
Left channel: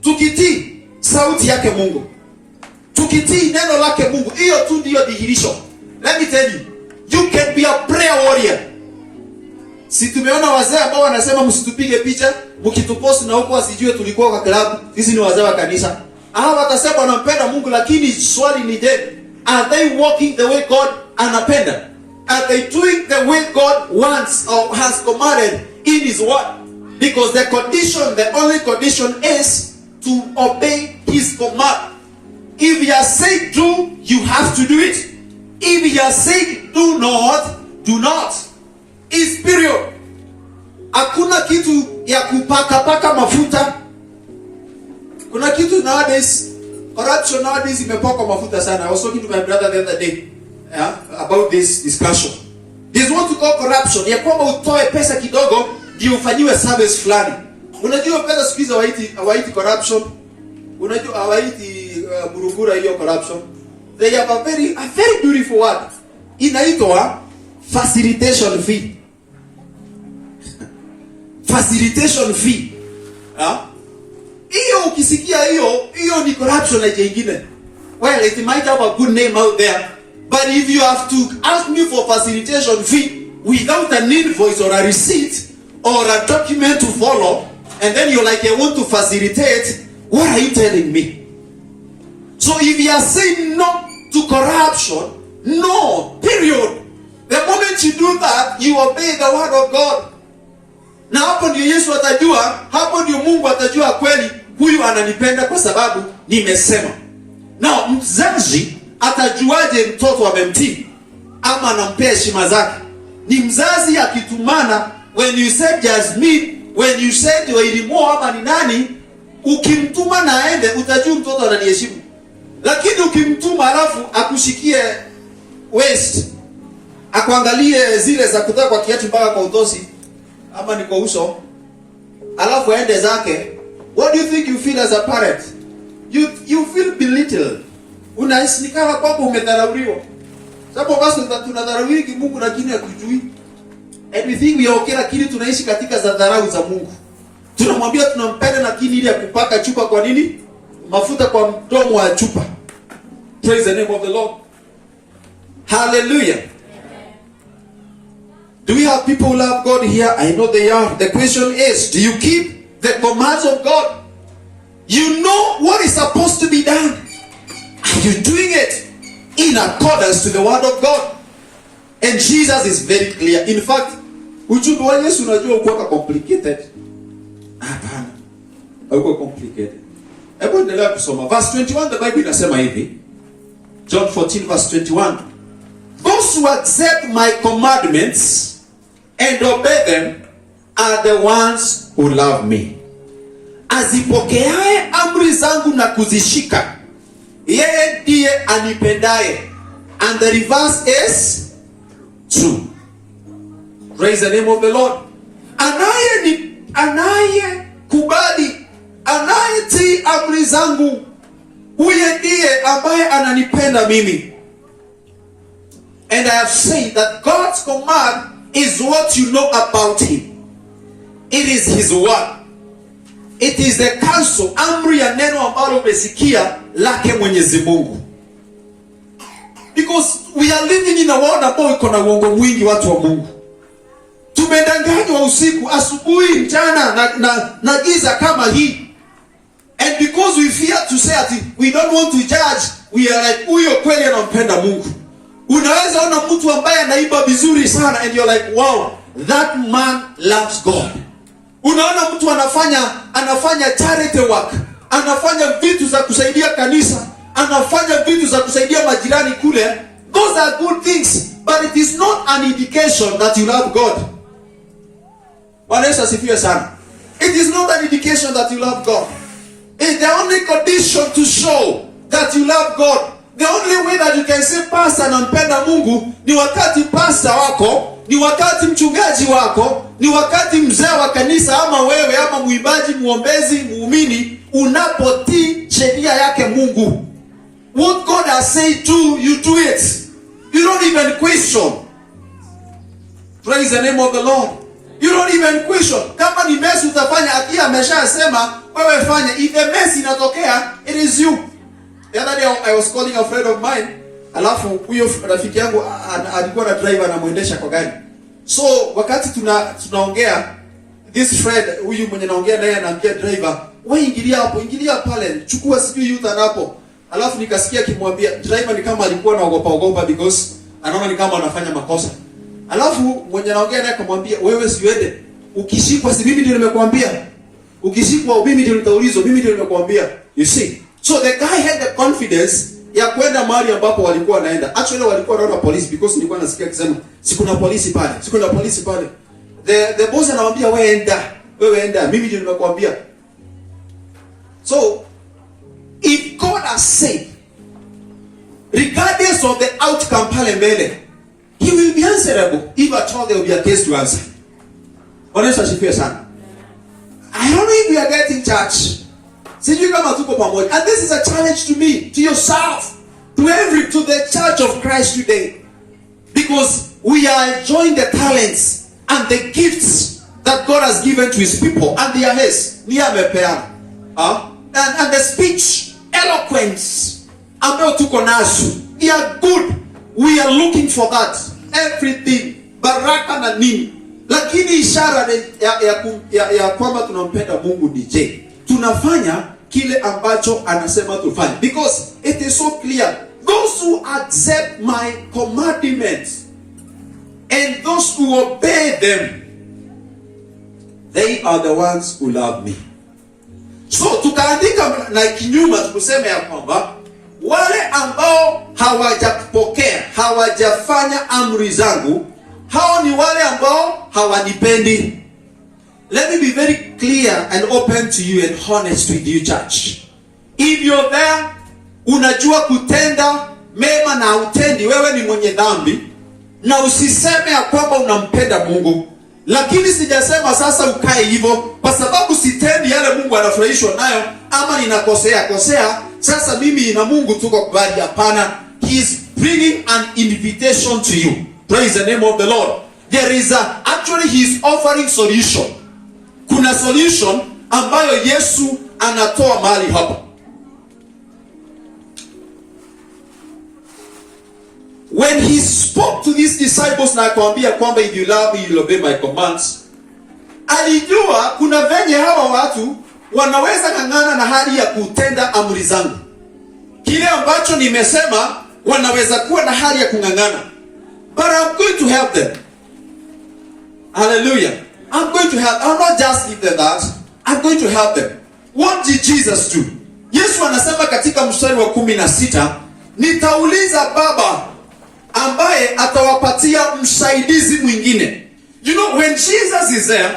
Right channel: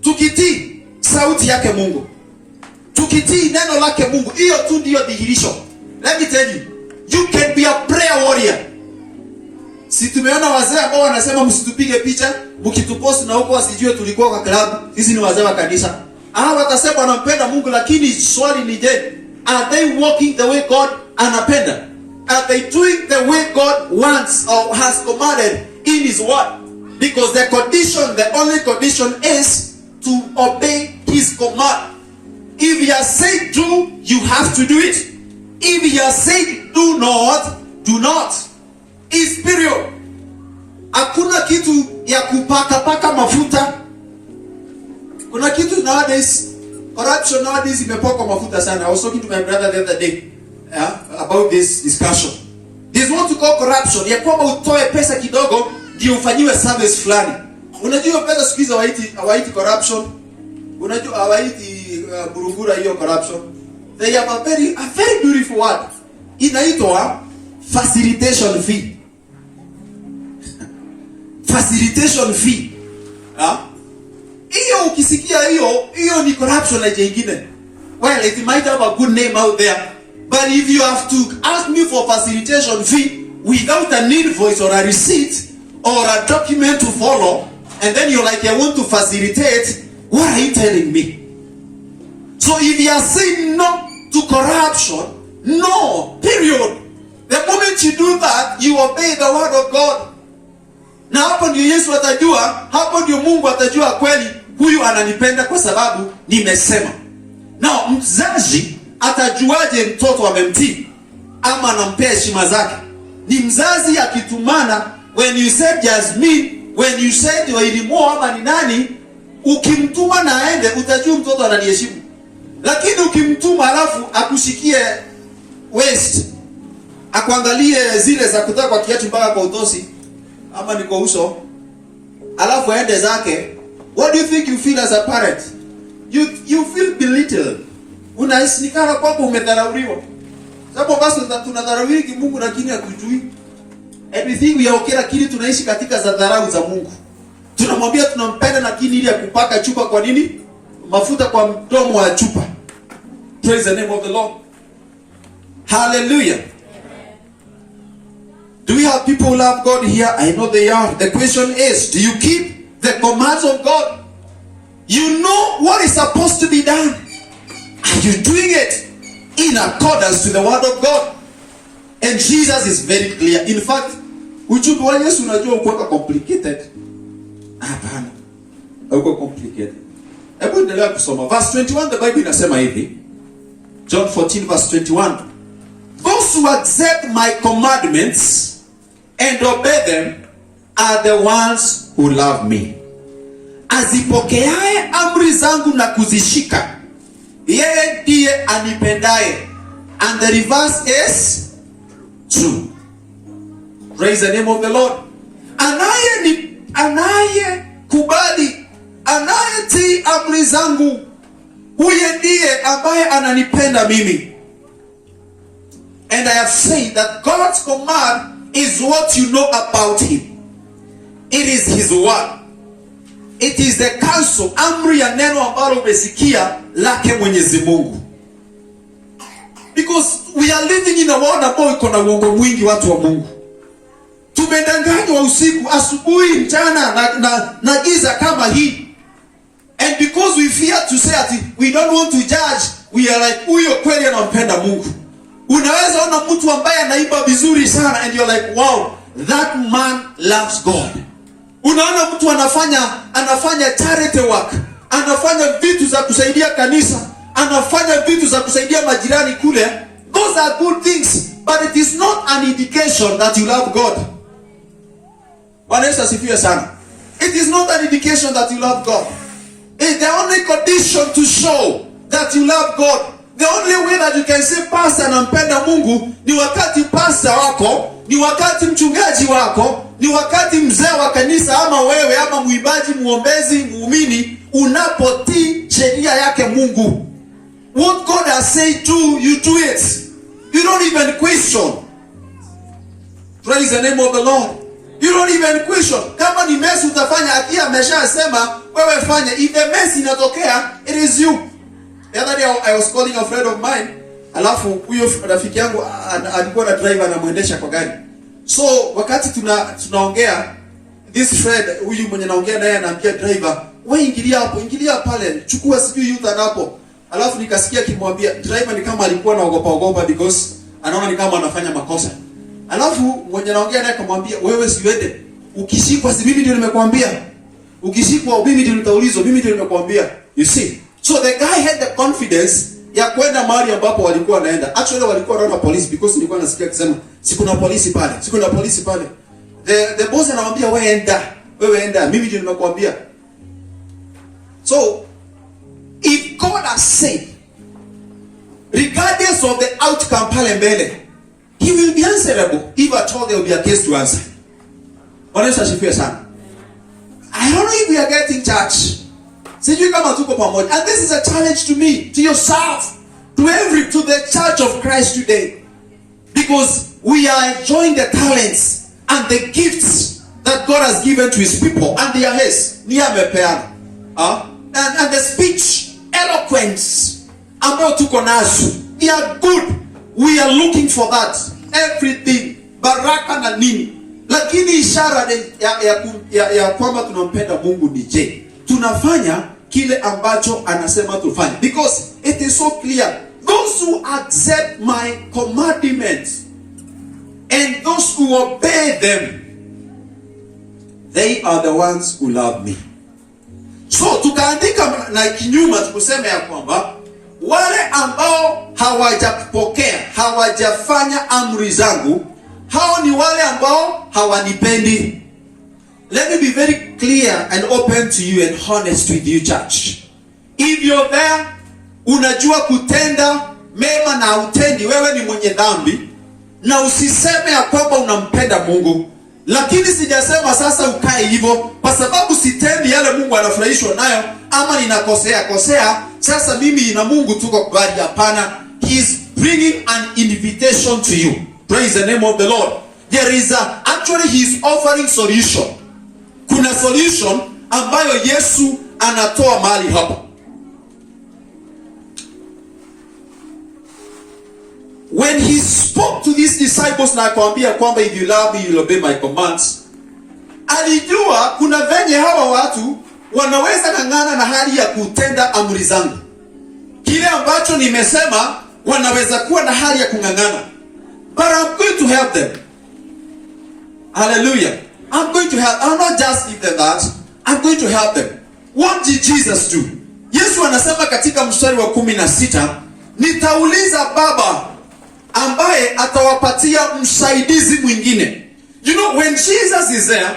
Tukitii sauti yake Mungu, tukitii neno lake Mungu, hiyo tu ndio dhihirisho. Let me tell you, you can be a prayer warrior. Si tumeona wazee ambao wanasema msitupige picha, mkitupost na huko wasijue tulikuwa kwa klabu. Sisi ni wazee wa kanisa. Hawa watasema wanampenda Mungu, lakini swali ni je, are they walking the way God anapenda? Are they doing the way God wants or has commanded in his word? Because the condition, the only condition is to obey his command. If he has said do, you have to do it. If he has said do not, do not. Is period. Hakuna kitu ya kupaka mafuta. Kuna kitu nowadays, corruption nowadays imepakwa mafuta sana. I was talking to my brother the other day about this discussion. This what to call corruption. Ya kwamba utoe pesa kidogo ndio ufanyiwe service fulani. Unajua pesa siku hizo hawaiti corruption. Unajua hawaiti burugura hiyo corruption. They have a very beautiful word. Inaitwa facilitation fee. Facilitation fee. Hiyo ukisikia hiyo ni corruption ya jingine. Well, it might have a good name out there, but if you have to ask me for facilitation fee without an invoice or a receipt or a document to follow, and then you're like, I want to facilitate, what are you telling me? So if you are saying no to corruption, no, period. The moment you do that, you obey the word of God. Na hapo ndio Yesu atajua, hapo ndio Mungu atajua kweli huyu ananipenda kwa sababu nimesema. Na mzazi atajuaje mtoto amemtii ama anampea heshima zake? Ni mzazi akitumana, when you said Jasmine, when you said Oilimo ama ni nani, ukimtuma na aende utajua mtoto ananiheshimu. Lakini ukimtuma alafu akushikie waist, akuangalie zile za kutoka kwa kiatu mpaka kwa utosi ama ni kwa uso, alafu aende zake, what do you think you feel as a parent? You feel belittled. Unahisi kama kwamba umedharauliwa. Sababu basi tunadharauliwa Mungu lakini hatujui. Everything we are okay, lakini tunaishi katika za dharau za Mungu. Tunamwambia tunampenda lakini ili akupaka chupa kwa nini? Mafuta kwa mdomo wa chupa. Praise the name of the Lord. Hallelujah. Do we have people who love God here? I know they are. The question is, do you keep the commands of God? You know what is supposed to be done. Are you doing it in accordance to the word of God? And Jesus is very clear. In fact, ujumbe wa Yesu unajua uko complicated. Hapana. Uko complicated. Hebu endelea kusoma. Verse 21, the Bible inasema hivi. John 14 verse 21. Those who accept my commandments and obey them are the ones who love me. Azipokeaye amri zangu na kuzishika, yeye ndiye anipendaye. And the reverse is true. Praise the name of the Lord. Anaye kubali anayetii amri zangu, huyo ndiye ambaye ananipenda mimi. And I have said that God's command is what you know about him. It is his word. It is the counsel, amri ya neno ambalo umesikia lake Mwenyezi Mungu. Because we are living in a world ambao iko na uongo mwingi, watu wa Mungu. Tumedanganywa usiku, asubuhi, mchana na giza kama hii. And because we fear to say that we don't want to judge, we are like, huyo kweli anampenda Mungu. Unaweza ona mtu ambaye anaiba vizuri sana and you're like, wow, that man loves God. Unaona mtu anafanya charity work, anafanya vitu za kusaidia kanisa, anafanya vitu za kusaidia majirani kule. Those are good things, but it is not an indication that you love God. Bwana Yesu asifiwe sana. It is not an indication that you love God. It's the only condition to show that you love God. The only way that you can say pastor nampenda Mungu ni wakati pastor wako, ni wakati mchungaji wako, ni wakati mzee wa kanisa ama wewe ama muimbaji, muombezi, muumini unapotii sheria yake Mungu. What God has said to you, do it. You don't even question. Praise the name of the Lord. You don't even question. Kama ni mess utafanya, akia ameshasema wewe fanya. If the mess inatokea, it is you. The other day I was calling a friend of mine. Alafu huyo rafiki yangu alikuwa na driver na muendesha kwa gari. So wakati tunaongea, this friend huyu mwenye naongea naye anaambia driver, wewe ingilia hapo, ingilia pale, chukua sijui yuta hapo. Alafu nikasikia kimwambia driver ni kama alikuwa anaogopa because anaona ni kama anafanya makosa. Alafu mwenye naongea naye akamwambia, wewe siwende. Ukishikwa si mimi ndio nimekuambia. Ukishikwa mimi ndio nitaulizwa, mimi ndio nimekuambia. You see? So the guy had the confidence ya kwenda mahali ambapo walikuwa wanaenda. Actually walikuwa wanaona police because nilikuwa nasikia akisema sikuna polisi pale. Sikuna polisi pale. The boss anamwambia wewe enda, mimi ndio nimekuambia. So if God has said, regardless of the outcome pale mbele, he will be answerable. If at all there will be a case to answer. Honest as you sana. I don't know if we are getting church. Sijui kama tuko pamoja. And this is a challenge to me, to yourself, to the church of Christ today. Because we are enjoying the talents and the gifts that God has given to his people. And they are his. Ni amepeana. And the speech, eloquence, ambayo tuko nazo, they are good. We are looking for that. Everything. Baraka na nini. Lakini ishara ya kwamba tunampenda Mungu ni je? Tunafanya kile ambacho anasema tufanye. Because it is so clear. Those who accept my commandments and those who obey them, they are the ones who love me. So tukaandika na kinyuma tukusema ya kwamba wale ambao hawajapokea, hawajafanya amri zangu, hao ni wale ambao hawanipendi. Let me be very clear and open to you and honest with you, church. If you're there, unajua kutenda mema na utendi, wewe ni mwenye dhambi, na usiseme ya kwamba unampenda Mungu. Lakini sijasema sasa ukae hivyo, kwa sababu sitendi yale Mungu anafurahishwa nayo, ama ninakosea, sasa mimi na Mungu tuko kubali. Hapana. He is bringing an invitation to you. Praise the name of the Lord. There is actually he is offering solution. Kuna solution ambayo Yesu anatoa mahali hapa. When he spoke to these disciples na akamwambia kwamba if you love me you will obey my commands, alijua kuna venye hawa watu wanaweza ng'ang'ana na hali ya kutenda amri zangu. Kile ambacho nimesema wanaweza kuwa na hali ya kung'ang'ana. But I'm going to help them. Hallelujah. I'm going to help. I'll not just give them that. I'm going to help them. What did Jesus do? Yesu anasema katika mstari wa 16, nitauliza Baba ambaye atawapatia msaidizi mwingine. You know, when Jesus is there,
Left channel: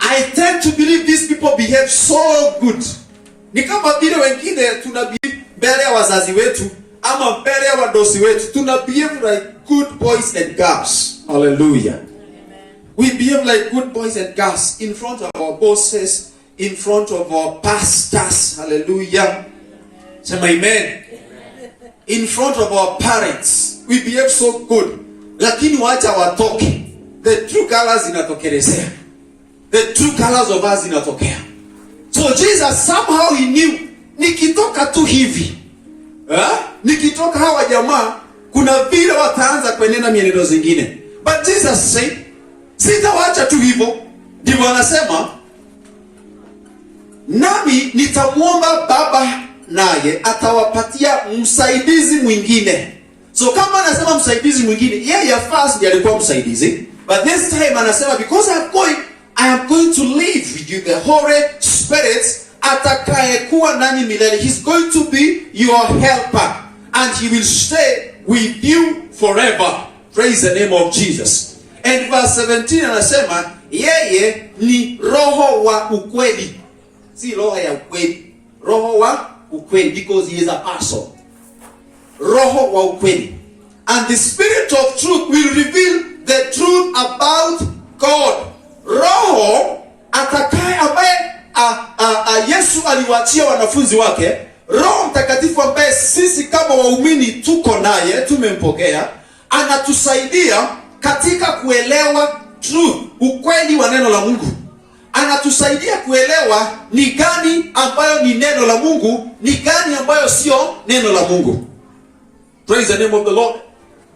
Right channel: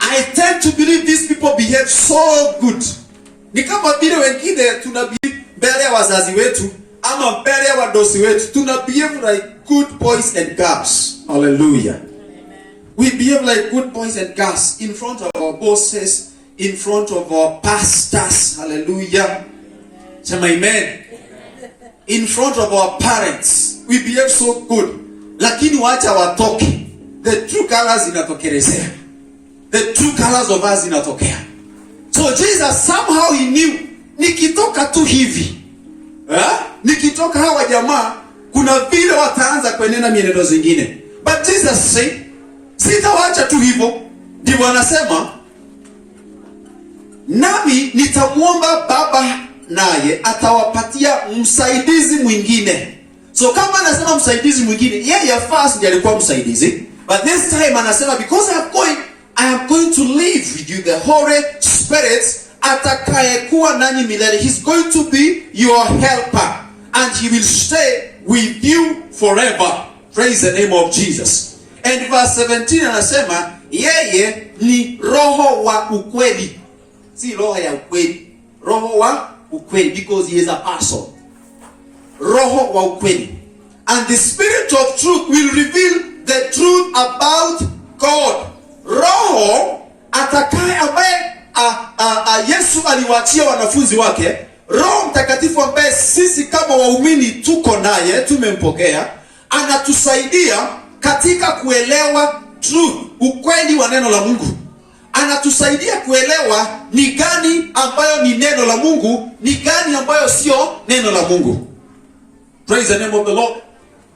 I tend to believe these people behave so good. Ni kama vile wengine tunabehave mbele ya wazazi wetu ama mbele ya wadosi wetu, tunabehave like good boys and girls. Hallelujah. We behave like good boys and girls in front of our bosses, in front of our pastors. Hallelujah. Say amen. In front of our parents. We behave so good. Lakini wacha watoke. The true colors inatokelezea. The true colors of us inatokea. So Jesus somehow he knew, nikitoka tu hivi, nikitoka hawa jamaa, kuna vile wataanza kuenenda mienendo zingine. But Jesus said, sitawacha tu hivyo. Ndivyo anasema, nami nitamuomba Baba, naye atawapatia msaidizi mwingine. So kama anasema msaidizi mwingine, yeye first ndiye alikuwa msaidizi. But this time anasema, because I am going to live with you, the Holy Spirit atakayekuwa nani milele. He's going to be your helper and he will stay with you forever. Praise the name of Jesus. And verse 17 anasema, yeye ni roho wa ukweli. Si roho ya ukweli. Roho wa ukweli, because he is a person. Roho wa ukweli. And the Spirit of truth will reveal the truth about God. Roho atakaye ambaye Yesu aliwaachia wanafunzi wake, Roho Mtakatifu ambaye sisi kama waumini tuko naye, tumempokea, anatusaidia katika kuelewa truth, ukweli wa neno la Mungu. Anatusaidia kuelewa ni gani ambayo ni neno la Mungu, ni gani ambayo sio neno la Mungu. Praise the name of the Lord.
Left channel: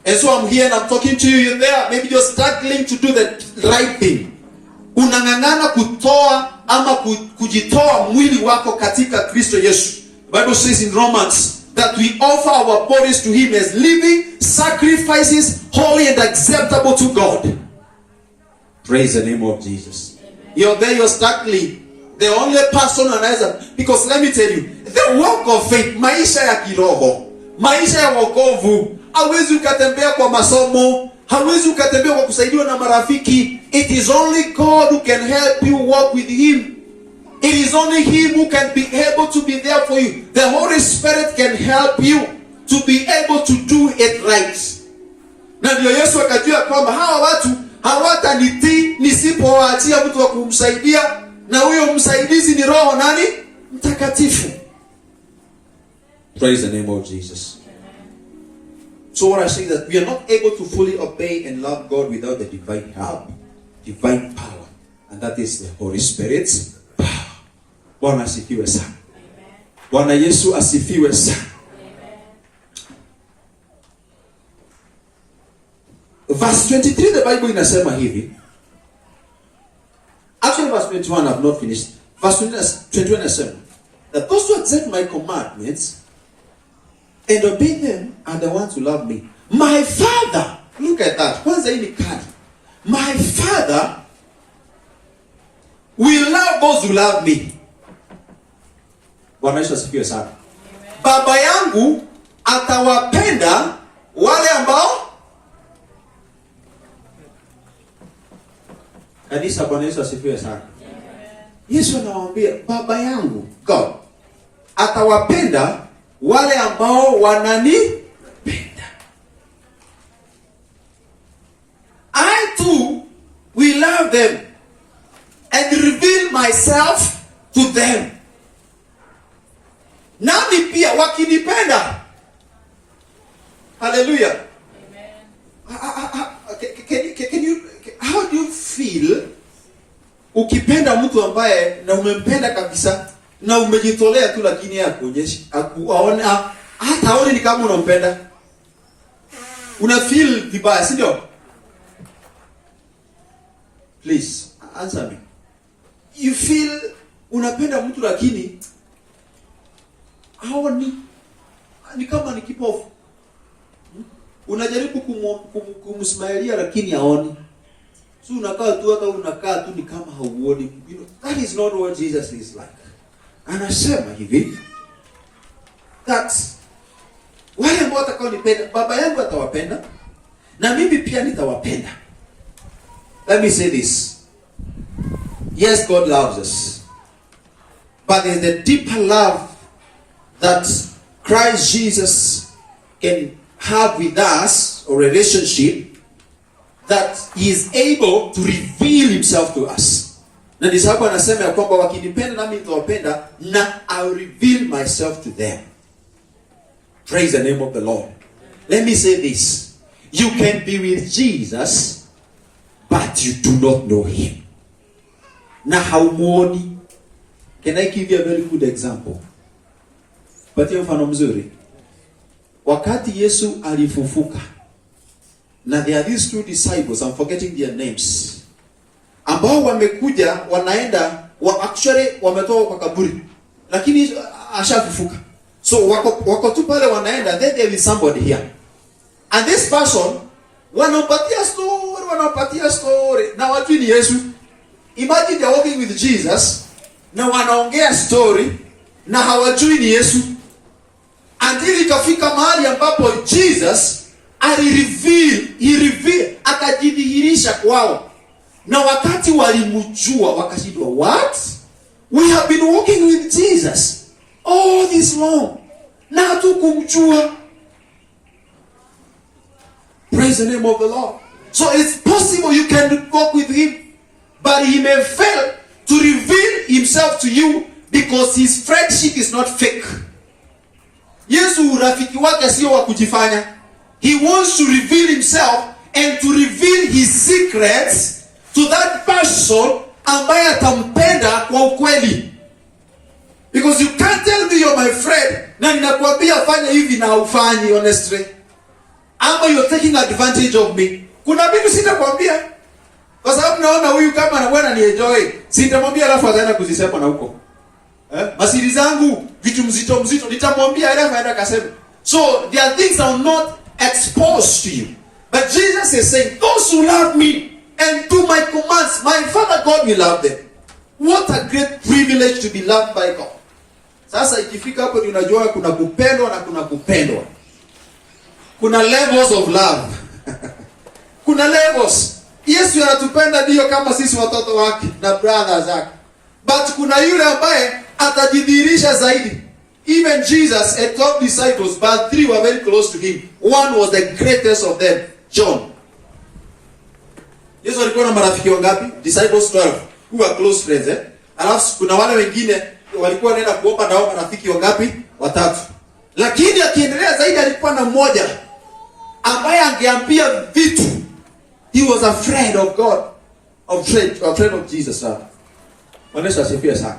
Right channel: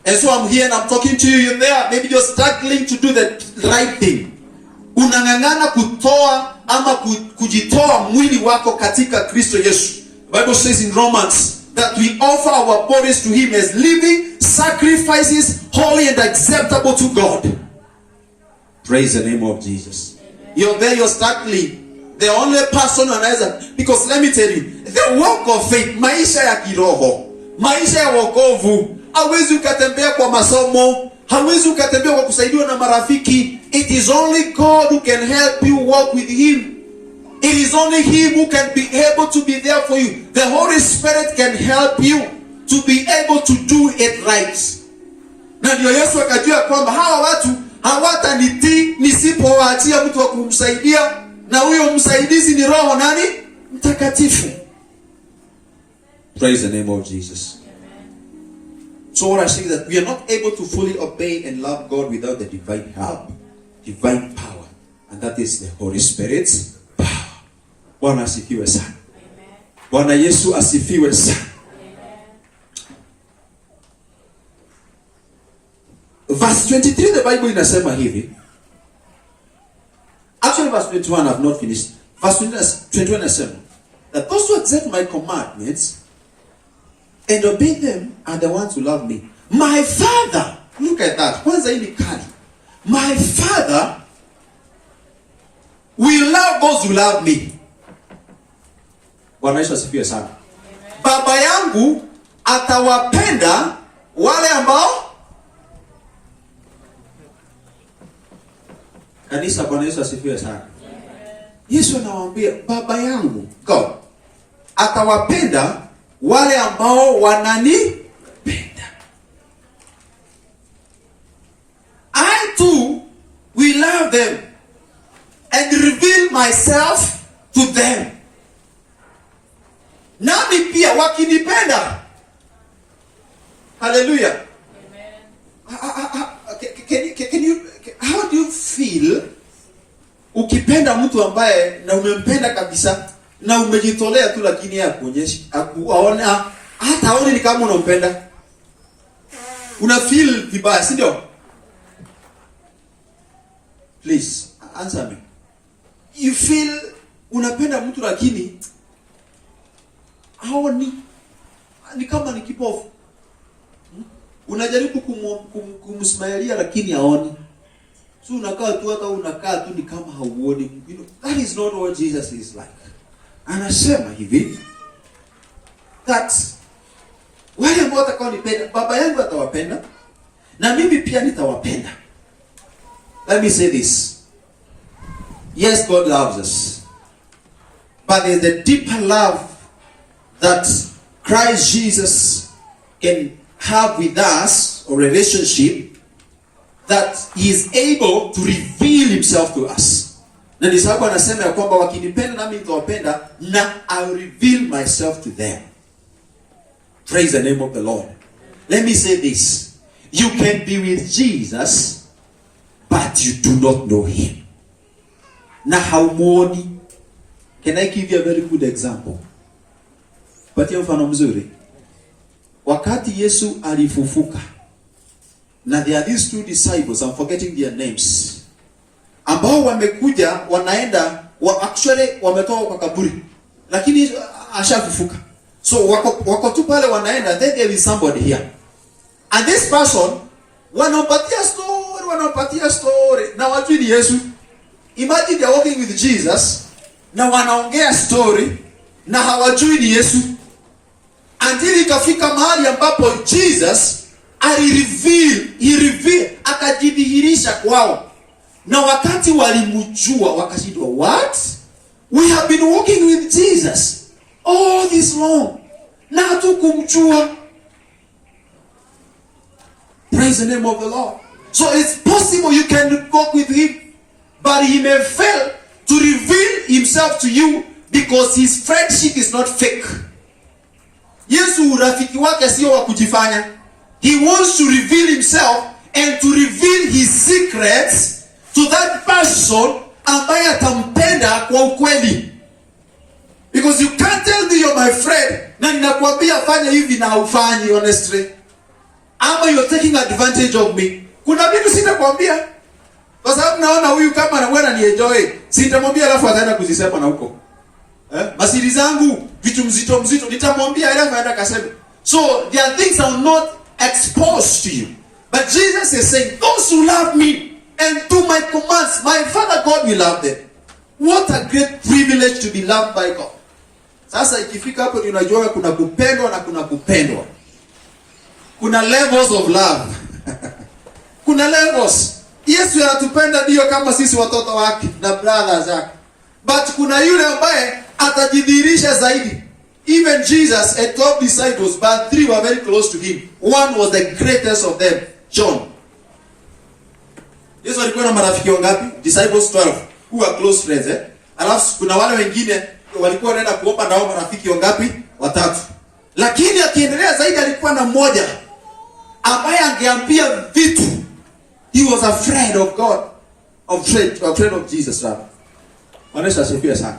And so I'm here and I'm talking to you there. Maybe you're struggling to do the right thing. Unang'ang'ana kutoa ama kujitoa mwili wako katika Kristo Yesu. The Bible says in Romans that we offer our bodies to him as living sacrifices, holy and acceptable to God. Praise the name of Jesus. Amen. You're there, you're struggling. The only person anaweza, because let me tell you, the walk of faith, maisha ya kiroho, maisha ya wokovu, hauwezi ukatembea kwa masomo, hauwezi ukatembea kwa kusaidiwa na marafiki. It is only God who can help you walk with him. It is only him who can be able to be there for you. The Holy Spirit can help you to be able to do it right. Na ndio Yesu akajua kwamba hawa watu hawatanitii nisipowaachia mtu wa kumsaidia, na huyo msaidizi ni Roho nani? Mtakatifu. Praise the name of Jesus. So what I say is that we are not able to fully obey and love God without the divine help, divine power, and that is the Holy Spirit's power. Bwana asifiwe sana. Bwana Yesu asifiwe sana. Verse 23, the Bible inasema hivi. Actually, verse 21, I have not finished. Verse 21 inasema that those who accept my commandments and obey them are the ones who love me. My Father, look at that. Kwanza hii ni kali. My Father will love those who love me. Bwana Yesu asifiwe sana. Baba yangu atawapenda wale ambao, kanisa, Bwana Yesu asifiwe sana. Yesu anawaambia Baba yangu, God, atawapenda wale ambao wananipenda. I too will love them and reveal myself to them. Nami pia wakinipenda. Hallelujah. Can you, how do you feel ukipenda mtu ambaye na umempenda kabisa na umejitolea tu, lakini hakuonyeshi, hakuone, hata haoni ni kama unampenda? Una feel vibaya, si ndio? Please answer me. You feel unapenda mtu lakini haoni, ni kama ni kipofu. Unajaribu kumsmailia lakini haoni. So unakaa tu, hata unakaa tu ni kama hauoni. You know, that is not what Jesus is like. Anasema hivi that wale ambao watakaonipenda Baba yangu atawapenda na mimi pia nitawapenda. Let me say this. Yes, God loves us. But there's a deeper love that Christ Jesus can have with us, or relationship that he is able to reveal himself to us. Na ndio sababu anasema ya kwamba wakinipenda nami nitawapenda, na I'll reveal myself to them. Praise the name of the Lord. Let me say this. You can be with Jesus, but you do not know him. Na haumuoni. Can I give you a very good example? Patia mfano mzuri. Wakati Yesu alifufuka, na there are these two disciples, I'm forgetting their names, ambao wamekuja wanaenda actually wametoka kwa kaburi, lakini ashafufuka. So wako tu pale wanaenda, then there is somebody here. And this person wanapatia story na watu ni Yesu. Imagine they are walking with Jesus na wanaongea story na hawajui ni Yesu. Until ikafika mahali ambapo Jesus he akajidhihirisha kwao. Na wakati walimjua wakashindwa, what? We have been walking with Jesus all this long, na hatukumjua. Praise the name of the Lord. So it's possible you can walk with him, but he may fail to reveal himself to you because his friendship is not fake. Yesu urafiki wake sio wa kujifanya. He wants to reveal himself and to reveal his secrets to that person ambaye atampenda kwa ukweli. Because you can't tell me you're my friend na ninakwambia fanya hivi na ufanyi honestly. Ama you're taking advantage of me. Kuna vitu sitakwambia. Kwa sababu naona huyu kama anaona ni enjoy. Sitamwambia alafu ataenda kuzisema na huko. Masiri zangu vitu mzito nitamwambia alafu aenda kasema. So there are things I will not expose to you. But Jesus is saying, those who love me and do my commands, my Father God will love them. What a great privilege to be loved by God. Sasa ikifika hapo unajua kuna kupendwa na kuna kupendwa. Kuna levels of love. Kuna levels. Yesu anatupenda ndio kama sisi watoto wake na brothers zake. But kuna yule ambaye atajidhihirisha zaidi. Even Jesus had 12 disciples, but 3 were very close to him. One was the greatest of them, John. Yesu alikuwa na marafiki wangapi? Disciples 12, who were close friends. Alafu kuna wale wengine walikuwa wanaenda kuomba na wao marafiki wangapi? 3. Lakini akiendelea zaidi alikuwa na mmoja ambaye angeambia vitu. He was a friend of God, a friend of Jesus. Wanaweza asifiwe sana.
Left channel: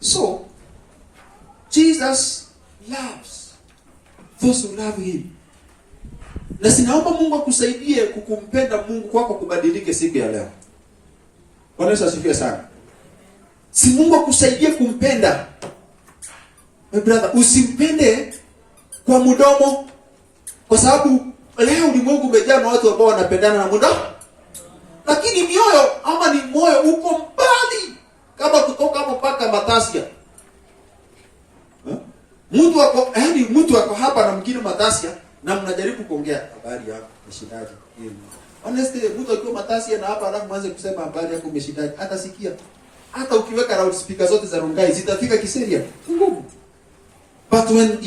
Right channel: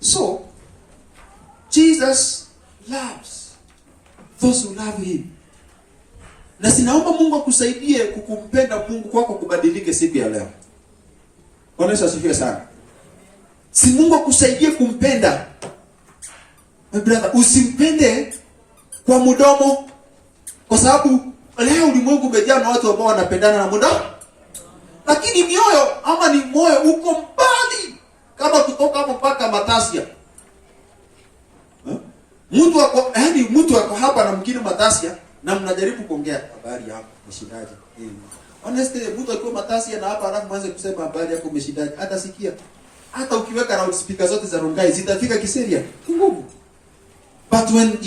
So Jesus loves those who love him. Na sinaomba Mungu akusaidie kukumpenda Mungu kwako kubadilike siku ya leo. Wanaweza asifiwe sana. Si Mungu akusaidie kumpenda. My brother, usimpende kwa mdomo, kwa sababu leo ulimwengu umejaa na watu ambao wanapendana na mdomo. Lakini mioyo ama ni moyo uko mbali kama kutoka hapo mpaka Matasia. Mtu wako hapa na mwingine Matasia na mnajaribu kuongea habari yako umeshindaje. Honestly, mtu akiwa Matasia na hapa alafu mwanze kusema habari yako umeshindaje, hata sikia. Hata ukiweka loud speaker zote za Rongai zitafika Kiseria. Ngumu. But when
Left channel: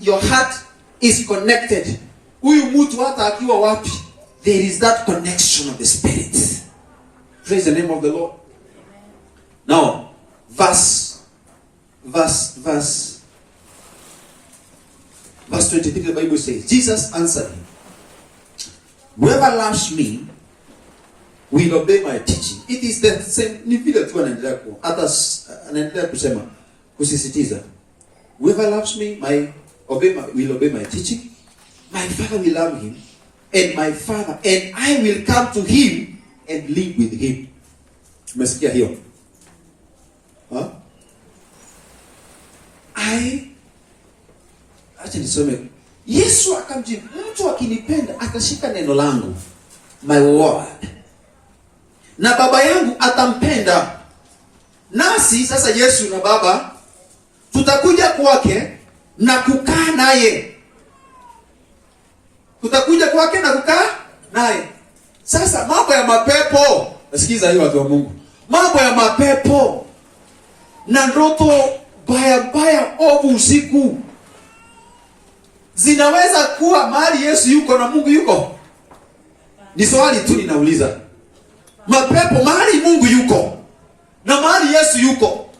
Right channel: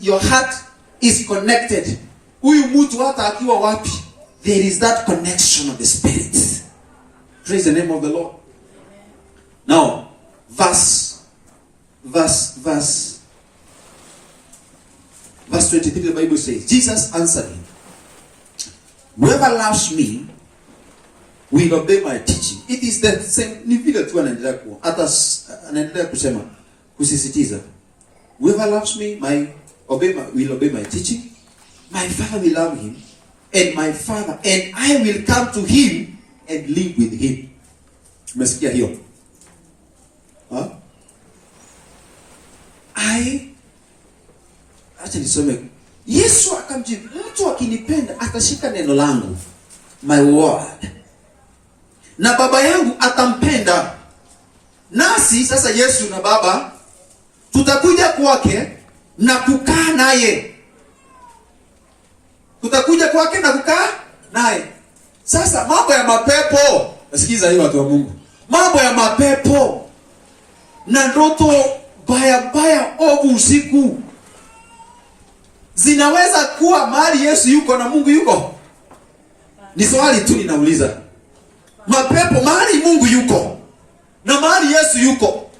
your heart is connected, huyu mtu hata akiwa wapi, there is that connection of the spirit. Praise the name of the Lord. Now, verse 23, the Bible says, Jesus answered him, whoever loves me will obey my teaching. It is the same. Ni vile tu anaendelea ku hata anaendelea kusema kusisitiza, whoever loves me will obey my teaching. My Father will love him, and I will come to him and live with him. Umesikia hiyo? Acha nisome. Yesu akamjibu, mtu akinipenda atashika neno langu, my word, na Baba yangu atampenda. Nasi sasa Yesu na Baba tutakuja kwake na kukaa naye. Tutakuja kwake na kukaa naye. Sasa mambo ya mapepo, nasikiza hiyo watu wa Mungu. Mambo ya mapepo na ndoto baya ovu usiku zinaweza kuwa mahali Yesu yuko na Mungu yuko? Ni swali tu ninauliza. mapepo mahali Mungu yuko na mahali Yesu yuko,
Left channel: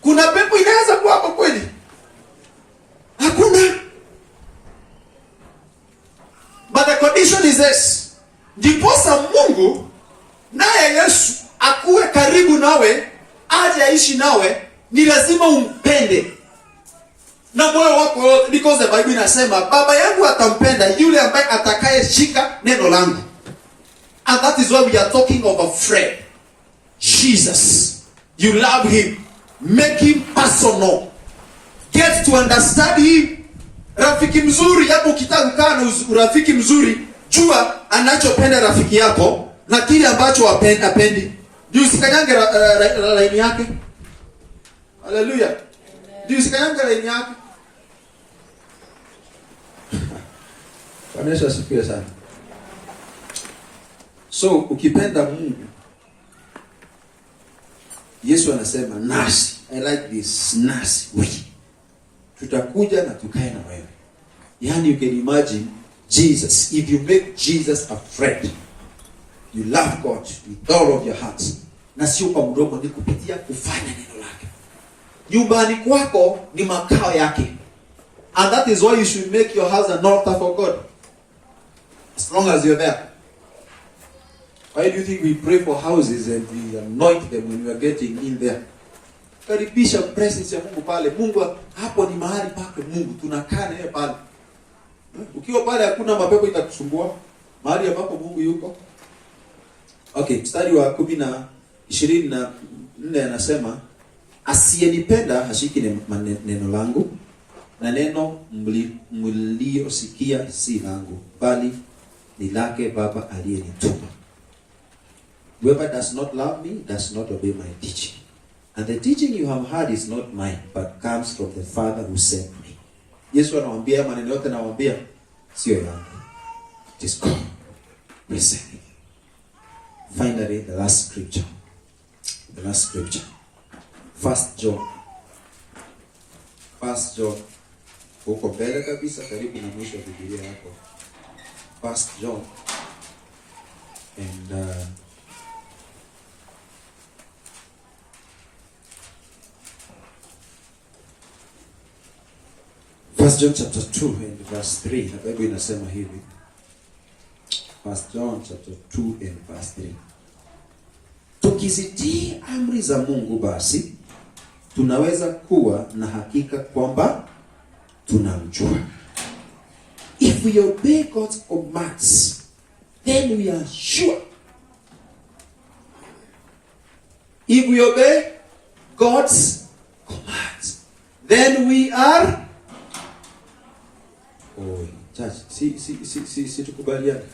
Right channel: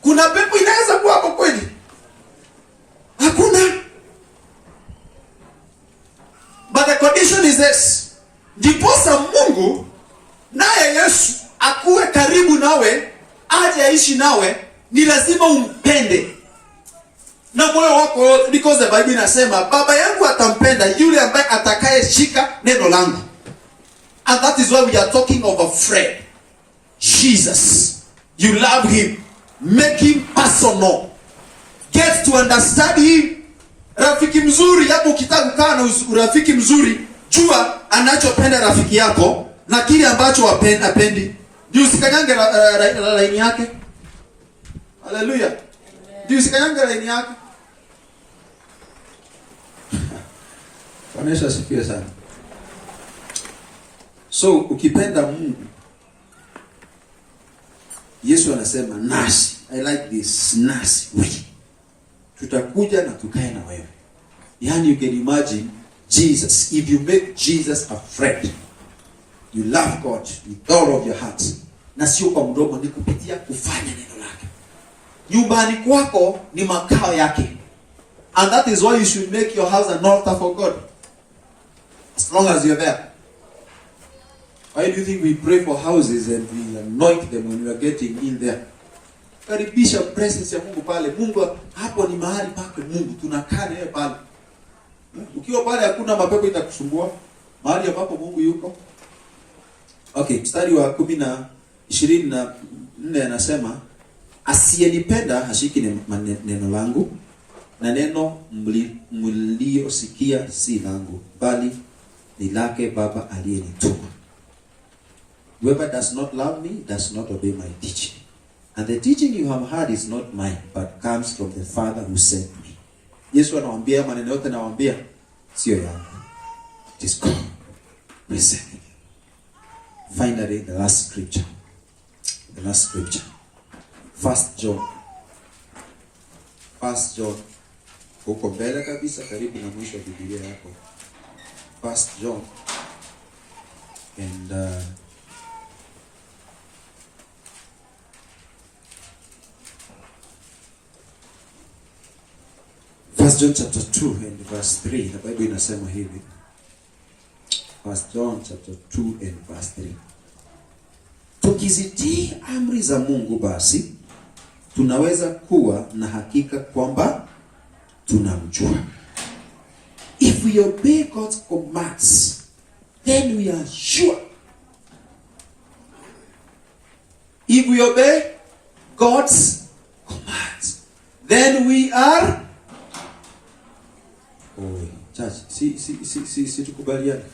kuna pepo inaweza kuwa hapo kweli? Hakuna. But the condition is this. Ndiposa Mungu naye Yesu akuwe karibu nawe, aje aishi nawe, ni lazima umpende na moyo wako, because the Bible inasema baba yangu atampenda yule ambaye atakaye shika neno langu. And that is why we are talking of a friend. Jesus. You love him. Make him personal. Get to understand him. Rafiki mzuri, hapo ukitaka kukaa na rafiki mzuri, jua anachopenda rafiki yako na kile ambacho hapendi. Ndio usikanyange laini yake. Hallelujah. Ndio usikanyange laini yake. Bwana asifiwe sana. So ukipenda Mungu, Yesu anasema nasi, I like this, nasi tutakuja na tukae na wewe. Yani you can imagine Jesus, if you make Jesus a friend, you love God with all of your heart, na sio kwa mdomo, ni kupitia kufanya neno lake. Nyumbani kwako ni makao yake. And that is why you should make your house an altar for God. As long as you're there. Why do you think we pray for houses and we anoint them when we are getting in there? Karibisha presence ya Mungu pale. Mungu hapo ni mahali pake Mungu. Tunakaa naye pale. Ukiwa pale hakuna mapepo itakusumbua. Mahali ambapo Mungu yuko. Okay, mstari wa 24 anasema asiyenipenda hashiki neno langu, na neno mliosikia si langu, bali ni lake Baba aliyenituma. Whoever does not love me does not obey my teaching. And the teaching you have heard is not mine, but comes from the Father who sent me. Yesu anawaambia maneno yote, anawaambia sio yangu. It is God. Listen. Finally, the last scripture. The last scripture. 1 John. Huko mbele kabisa, karibu na mwisho wa Biblia yako. 1 John. And 1 John chapter 2 and verse 3. Na Biblia inasema hivi. 1 John chapter 2 and verse 3. Tukizitii amri za Mungu basi tunaweza kuwa na hakika kwamba tunamjua. If we obey God's commands, then we are sure. If we obey God's commands, then we are. Oh, church, si tukubaliane.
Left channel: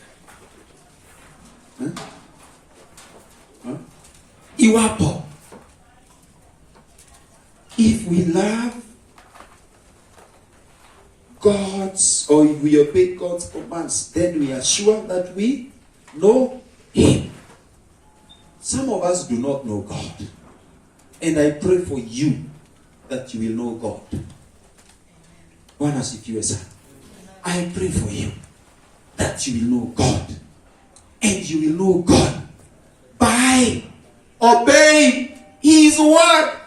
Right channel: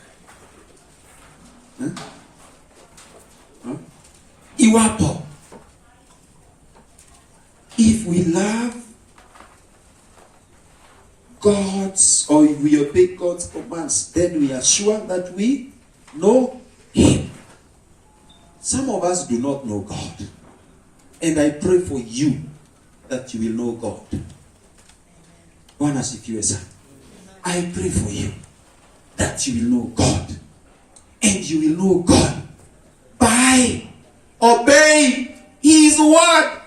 Iwapo, if we love God's, or if we obey God's commands, then we are sure that we know him. Some of us do not know God. And I pray for you that you will know God. Bwana asifiwe sana. I pray for you that you will know God. And you will know God by obeying his word.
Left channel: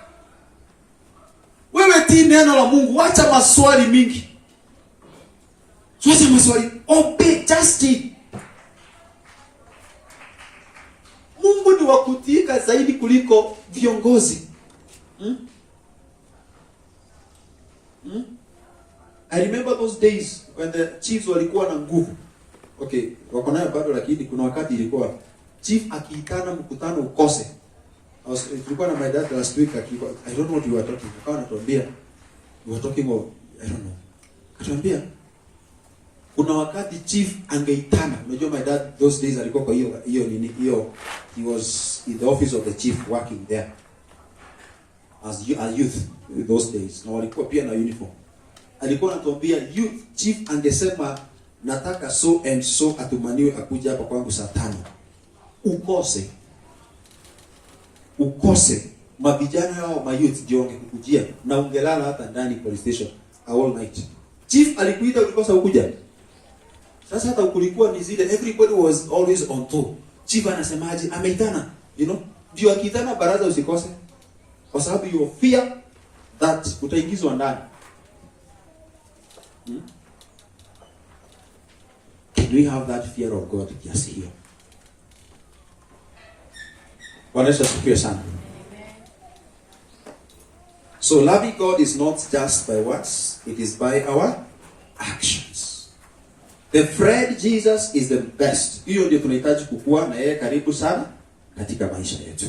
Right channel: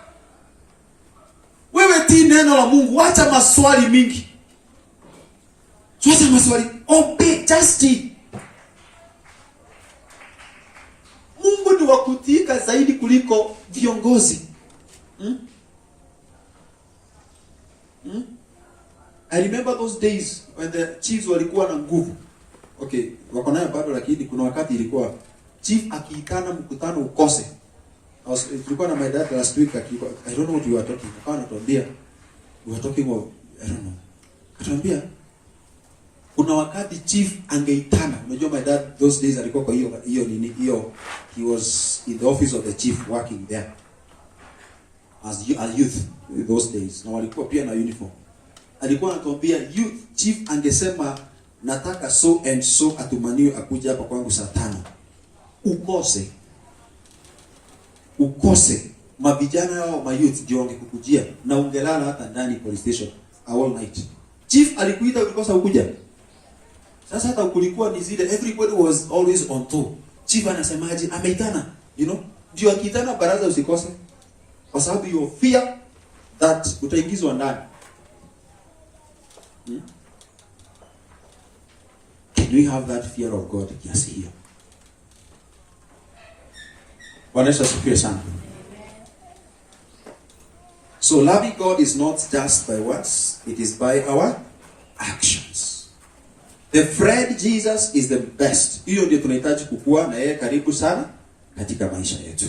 Wewe tii neno la Mungu, wacha maswali mingi. Wacha maswali, obey, just tii. Mungu ni wa kutiika zaidi kuliko viongozi. I remember those days when the chiefs walikuwa na nguvu. Okay, wako nayo bado, lakini kuna wakati ilikuwa chief akiitana mkutano ukose. Tulikuwa na my dad last week, I don't know what you were talking. Akawa anatuambia, you were talking of, I don't know. Akatuambia, kuna wakati chief angeitana. Unajua my dad those days alikuwa kwa hiyo he was in the office of the chief working there as youth those days. Na walikuwa pia na uniform. Alikuwa anatuambia youth chief angesema nataka so and so atumaniwe akuja hapa kwangu saa 5. Ukose mavijana wao mayouth ndio wangekujia na ungelala hata ndani police station all night. Chief alikuita ukikosa ukuja. Sasa hata kulikuwa ni zile everybody was always on top. chief anasemaje, ameitana, ndio akiitana baraza usikose, kwa sababu you fear that utaingizwa ndani. Can we have that fear of God kiasi hiyo? Bwana Yesu asifiwe sana. So loving God is not just by words, it is by our actions. The friend Jesus is the best. Hiyo ndio tunahitaji kukua na yeye karibu sana katika maisha yetu.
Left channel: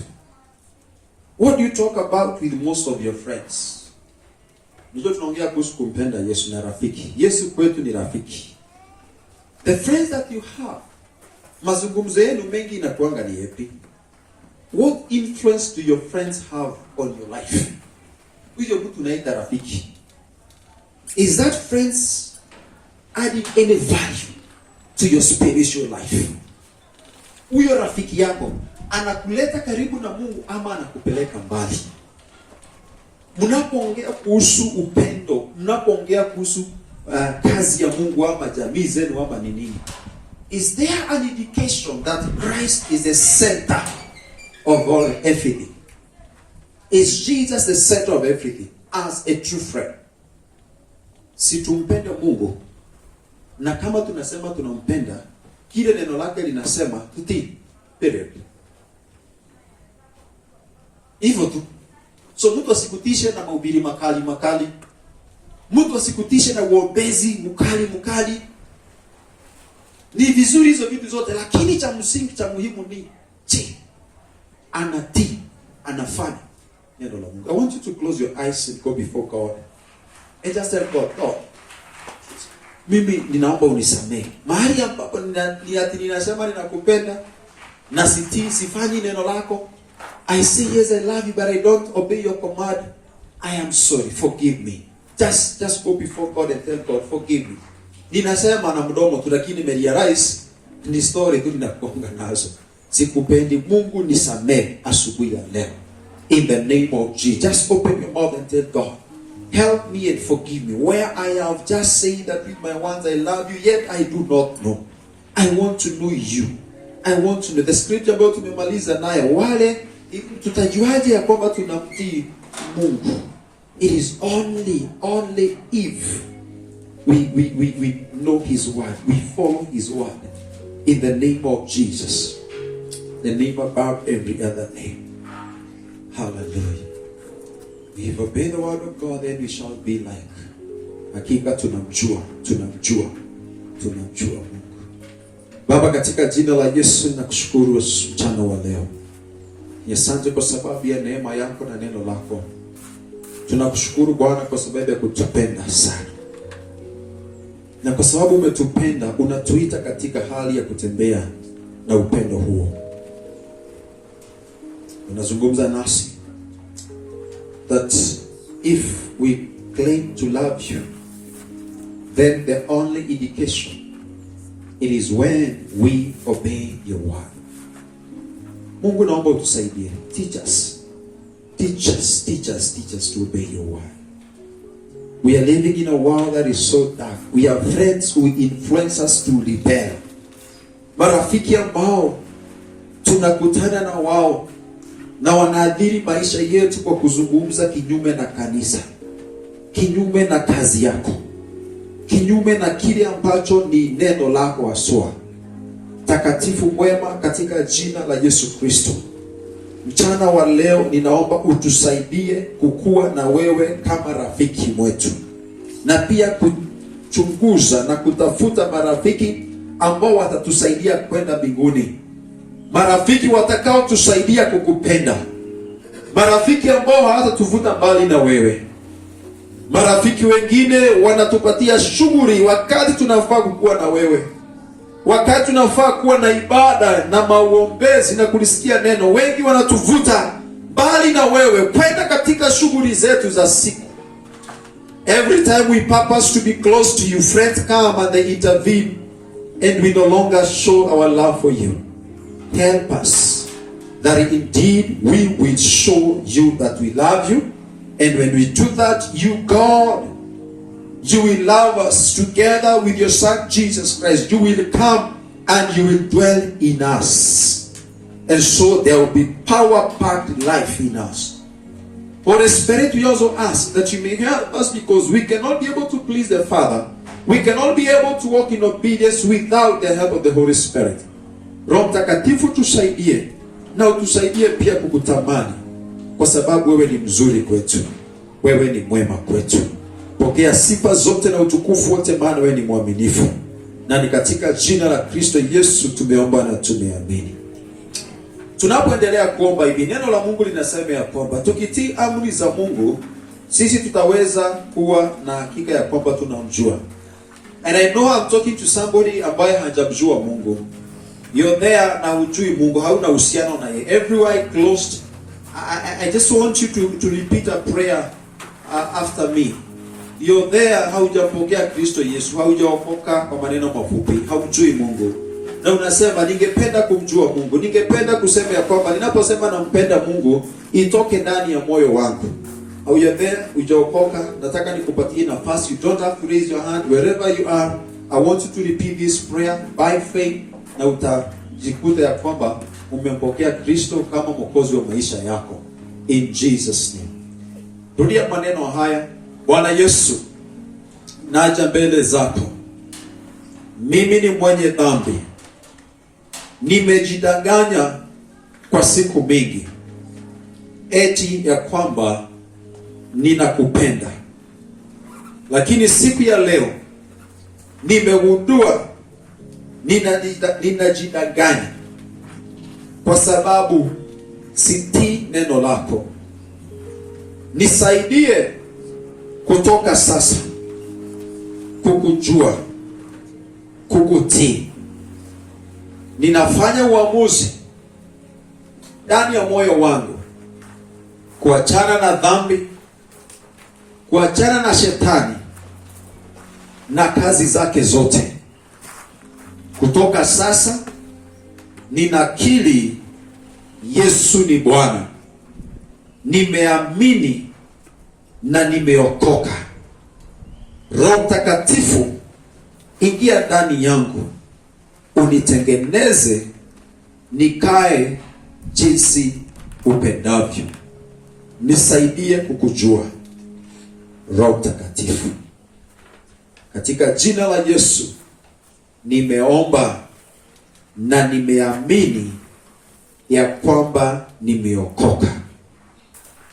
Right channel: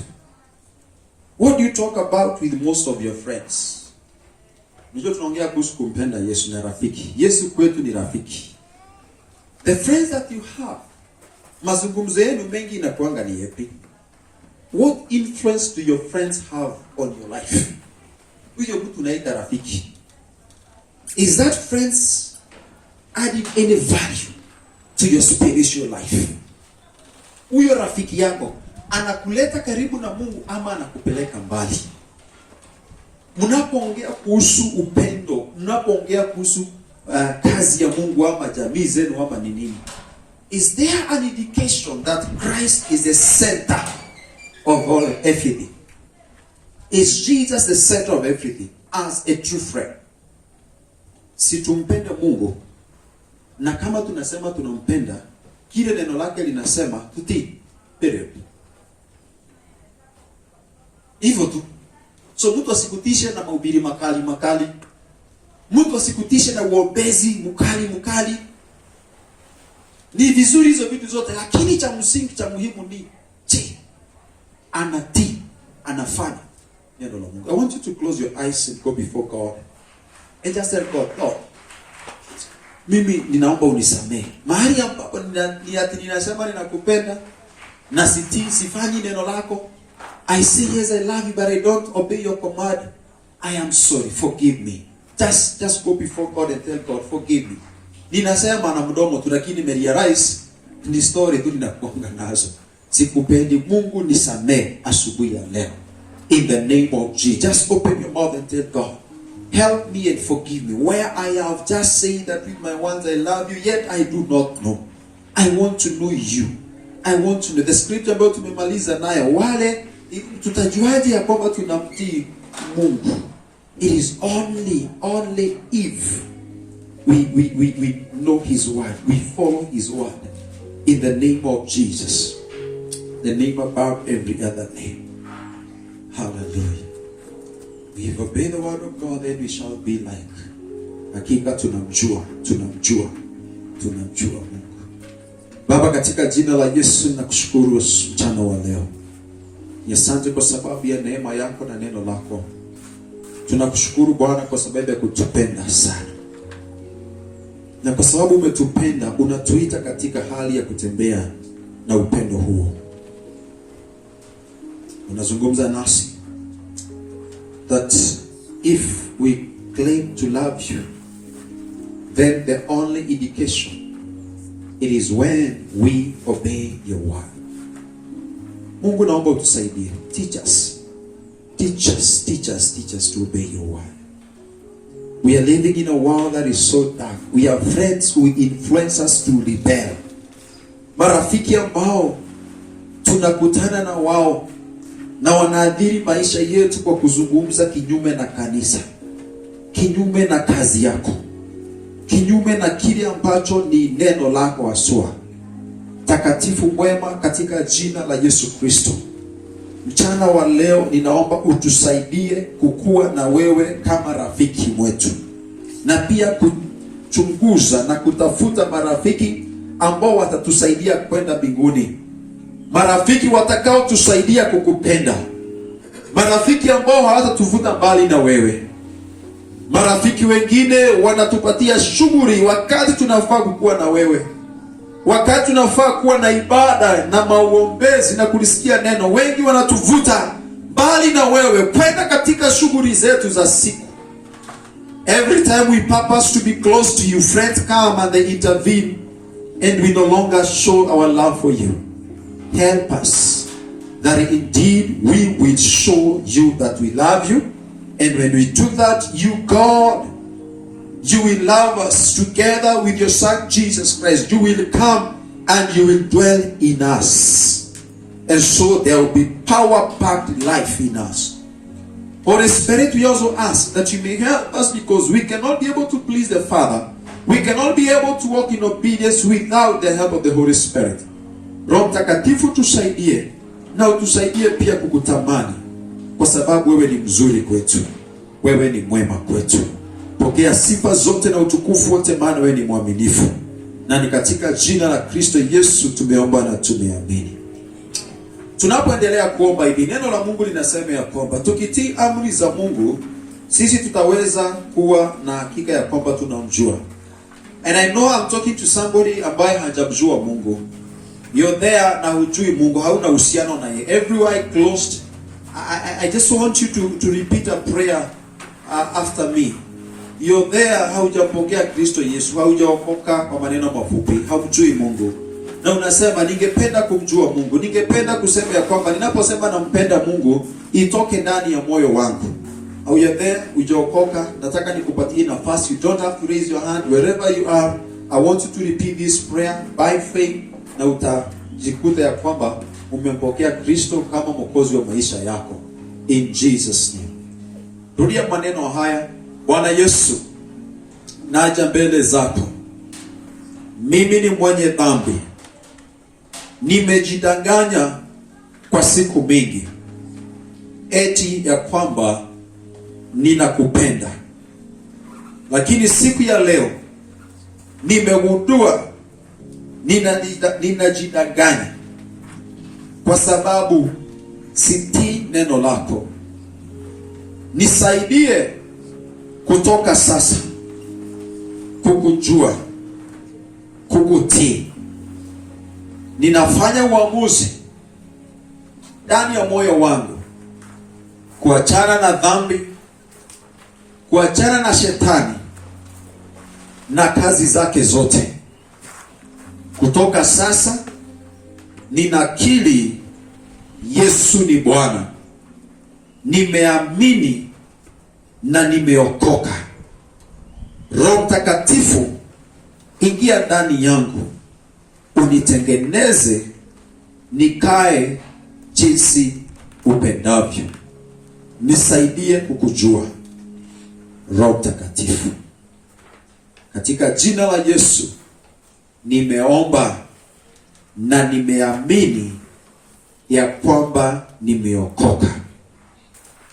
What do you talk about with most of your friends? Ndio tunaongea kuhusu kumpenda Yesu na rafiki. Yesu kwetu ni rafiki. The friends that you have, mazungumzo yenu mengi inakuanga ni yapi? What influence do your friends have on your life? Huyo mtu unaita rafiki. Is that friends adding any value to your spiritual life? Huyo rafiki yako anakuleta karibu na Mungu ama anakupeleka mbali? Mnapoongea kuhusu upendo, mnapoongea kuhusu kazi ya Mungu ama jamii zenu ama ni nini? Is there an indication that Christ is the center of all everything? Is Jesus the center of everything as a true friend? Si tumpende Mungu, na kama tunasema tunampenda, kile neno lake linasema tutii. Period. Hivyo tu. So mtu asikutishe na mahubiri makali. Mtu asikutishe na uombezi mkali. Ni vizuri hizo vitu zote, lakini cha msingi cha muhimu ni anatii, anafanya neno la Mungu. I want you to close your eyes and go before God and just tell God, mimi ninaomba unisamehe. Mahali ambapo ninasema ninakupenda na sifanyi neno lako. I say yes, I love you, but I don't obey your command. I am sorry, forgive me. Just go before God and tell God, forgive me. Ninasema na mdomo tu, lakini nimerealize ni story tu ninakuonga nazo. Sikupendi. Mungu nisamehe asubuhi ya leo. In the name of Jesus. Just open your mouth and tell God, help me and forgive me. Where I have just said that with my words I love you, yet I do not know. I want to know you. I want to know. The scripture ambayo tumemaliza nayo, wale tutajuaje ya kwamba tunamtii Mungu? It is only if we know his word, we follow his word. In the name of Jesus, the name above every other name. Hallelujah. We have obeyed the word of God, then we shall be like. Hakika tunamjua Mungu. Baba, katika jina la Yesu nakushukuru mchana wa leo. Asante kwa sababu ya neema yako na neno lako. Tunakushukuru Bwana kwa sababu ya kutupenda sana. Na kwa sababu umetupenda, unatuita katika hali ya kutembea na upendo huo. Unazungumza nasi that if we claim to love you, then the only indication, it is when we obey your word. Mungu, naomba utusaidie. Teach us to obey your word. We are living in a world that is so dark. We have friends who influence us to rebel. Marafiki ambao tunakutana na wao na wanaadhiri maisha yetu kwa kuzungumza kinyume na kanisa, kinyume na kazi yako, kinyume na kile ambacho ni neno lako haswa. Takatifu mwema, katika jina la Yesu Kristo, mchana wa leo ninaomba utusaidie kukua na wewe kama rafiki mwetu, na pia kuchunguza na kutafuta marafiki ambao watatusaidia kwenda mbinguni. Marafiki watakao tusaidia kukupenda. Marafiki ambao hawatatuvuta mbali na wewe. Marafiki wengine wanatupatia shughuli wakati tunafaa kukua na wewe. Wakati tunafaa kuwa na ibada na maombezi na kulisikia neno, wengi wanatuvuta mbali na wewe kwenda katika shughuli zetu za siku. Every time we purpose to be close to you, friends come and they intervene and we no longer show our love for you. Help us that indeed we will show you that we love you, and when we do that, you, God, you will love us together with your Son Jesus Christ. You will come and you will dwell in us. And so there will be power-packed life in us. Holy Spirit, we also ask that you may help us, because we cannot be able to please the Father. We cannot be able to walk in obedience without the help of the Holy Spirit. Roho Mtakatifu tusaidie, na utusaidie pia kukutamani, kwa sababu wewe ni mzuri kwetu. Wewe ni mwema kwetu. Pokea sifa zote na utukufu wote, maana wewe ni mwaminifu. Na ni katika jina la Kristo Yesu tumeomba na tumeamini. Tunapoendelea kuomba hivi, neno la Mungu linasema ya kwamba tukitii amri za Mungu, sisi tutaweza kuwa na hakika ya kwamba tunamjua. And I know I'm talking to somebody ambaye hajamjua Mungu. You're there na hujui Mungu, hauna uhusiano naye. Everywhere closed. I just want you to repeat a prayer after me. You're there, haujapokea Kristo Yesu, haujaokoka. Kwa maneno mafupi, haujui Mungu. Na unasema ningependa kumjua Mungu. Ningependa kusema ya kwamba ninaposema nampenda Mungu, itoke ndani ya moyo wangu. Au you're there, hujaokoka, nataka nikupatie nafasi. You don't have to raise your hand. Wherever you are, I want you to repeat this prayer by faith, na utajikuta ya kwamba umempokea Kristo kama mwokozi wa maisha yako. In Jesus name. Rudia maneno haya. Bwana Yesu, naja mbele zako. Mimi ni mwenye dhambi. Nimejidanganya kwa siku mingi eti ya kwamba ninakupenda. Lakini siku ya leo nimegundua ninajidanganya, kwa sababu sitii neno lako. Nisaidie kutoka sasa kukujua, kukutii. Ninafanya uamuzi ndani ya moyo wangu kuachana na dhambi, kuachana na shetani na kazi zake zote. Kutoka sasa ninakiri Yesu ni Bwana. Nimeamini na nimeokoka. Roho Mtakatifu, ingia ndani yangu, unitengeneze nikae jinsi upendavyo. Nisaidie kukujua, Roho Mtakatifu. Katika jina la Yesu nimeomba na nimeamini ya kwamba nimeokoka.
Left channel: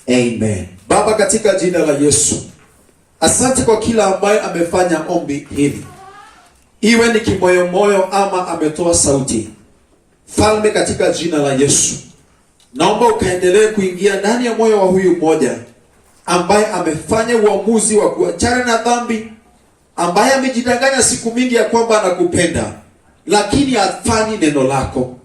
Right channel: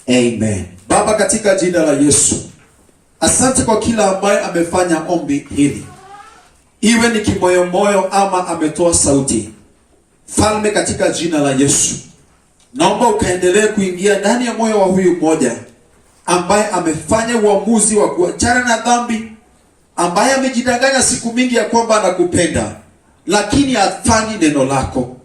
Amen. Baba, katika jina la Yesu, asante kwa kila ambaye amefanya ombi hili, iwe ni kimoyomoyo ama ametoa sauti. Falme, katika jina la Yesu, naomba ukaendelee kuingia ndani ya moyo wa huyu mmoja ambaye amefanya uamuzi wa kuachana na dhambi, ambaye amejidanganya siku mingi ya kwamba anakupenda, lakini hafanyi neno lako.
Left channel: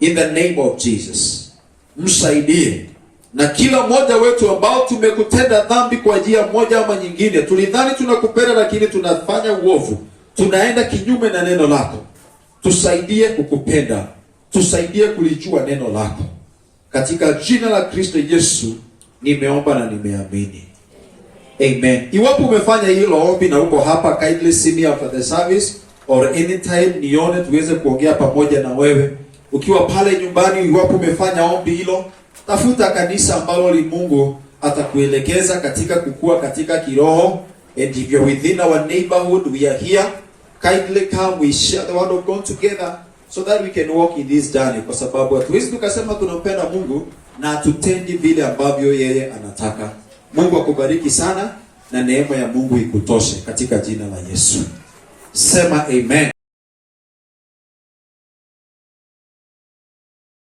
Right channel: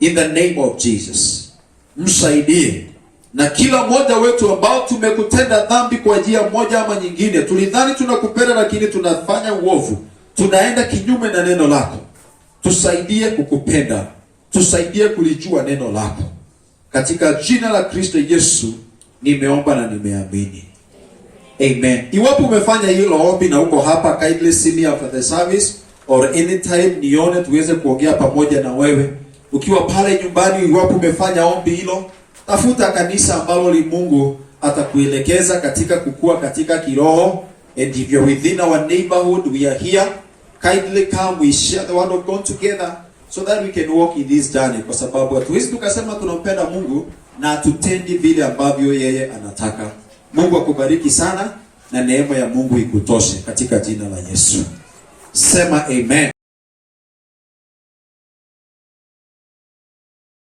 In the name of Jesus, msaidie. Na kila mmoja wetu ambao tumekutenda dhambi kwa njia moja ama nyingine, tulidhani tunakupenda lakini tunafanya uovu, tunaenda kinyume na neno lako, tusaidie kukupenda, tusaidie kulijua neno lako. Katika jina la Kristo Yesu nimeomba na nimeamini. Amen. Iwapo umefanya hilo ombi na uko hapa, kindly see me after the service or anytime nione tuweze kuongea pamoja na wewe. Ukiwa pale nyumbani, iwapo umefanya ombi hilo, tafuta kanisa ambalo li Mungu atakuelekeza katika kukua katika kiroho. And if you're within our neighborhood, we are here. Kindly come, we share the word of God together so that we can walk in this journey. Kwa sababu hatuwezi tukasema tunampenda Mungu na tutendi vile ambavyo yeye anataka. Mungu akubariki sana na neema ya Mungu ikutoshe katika jina la Yesu. Sema amen.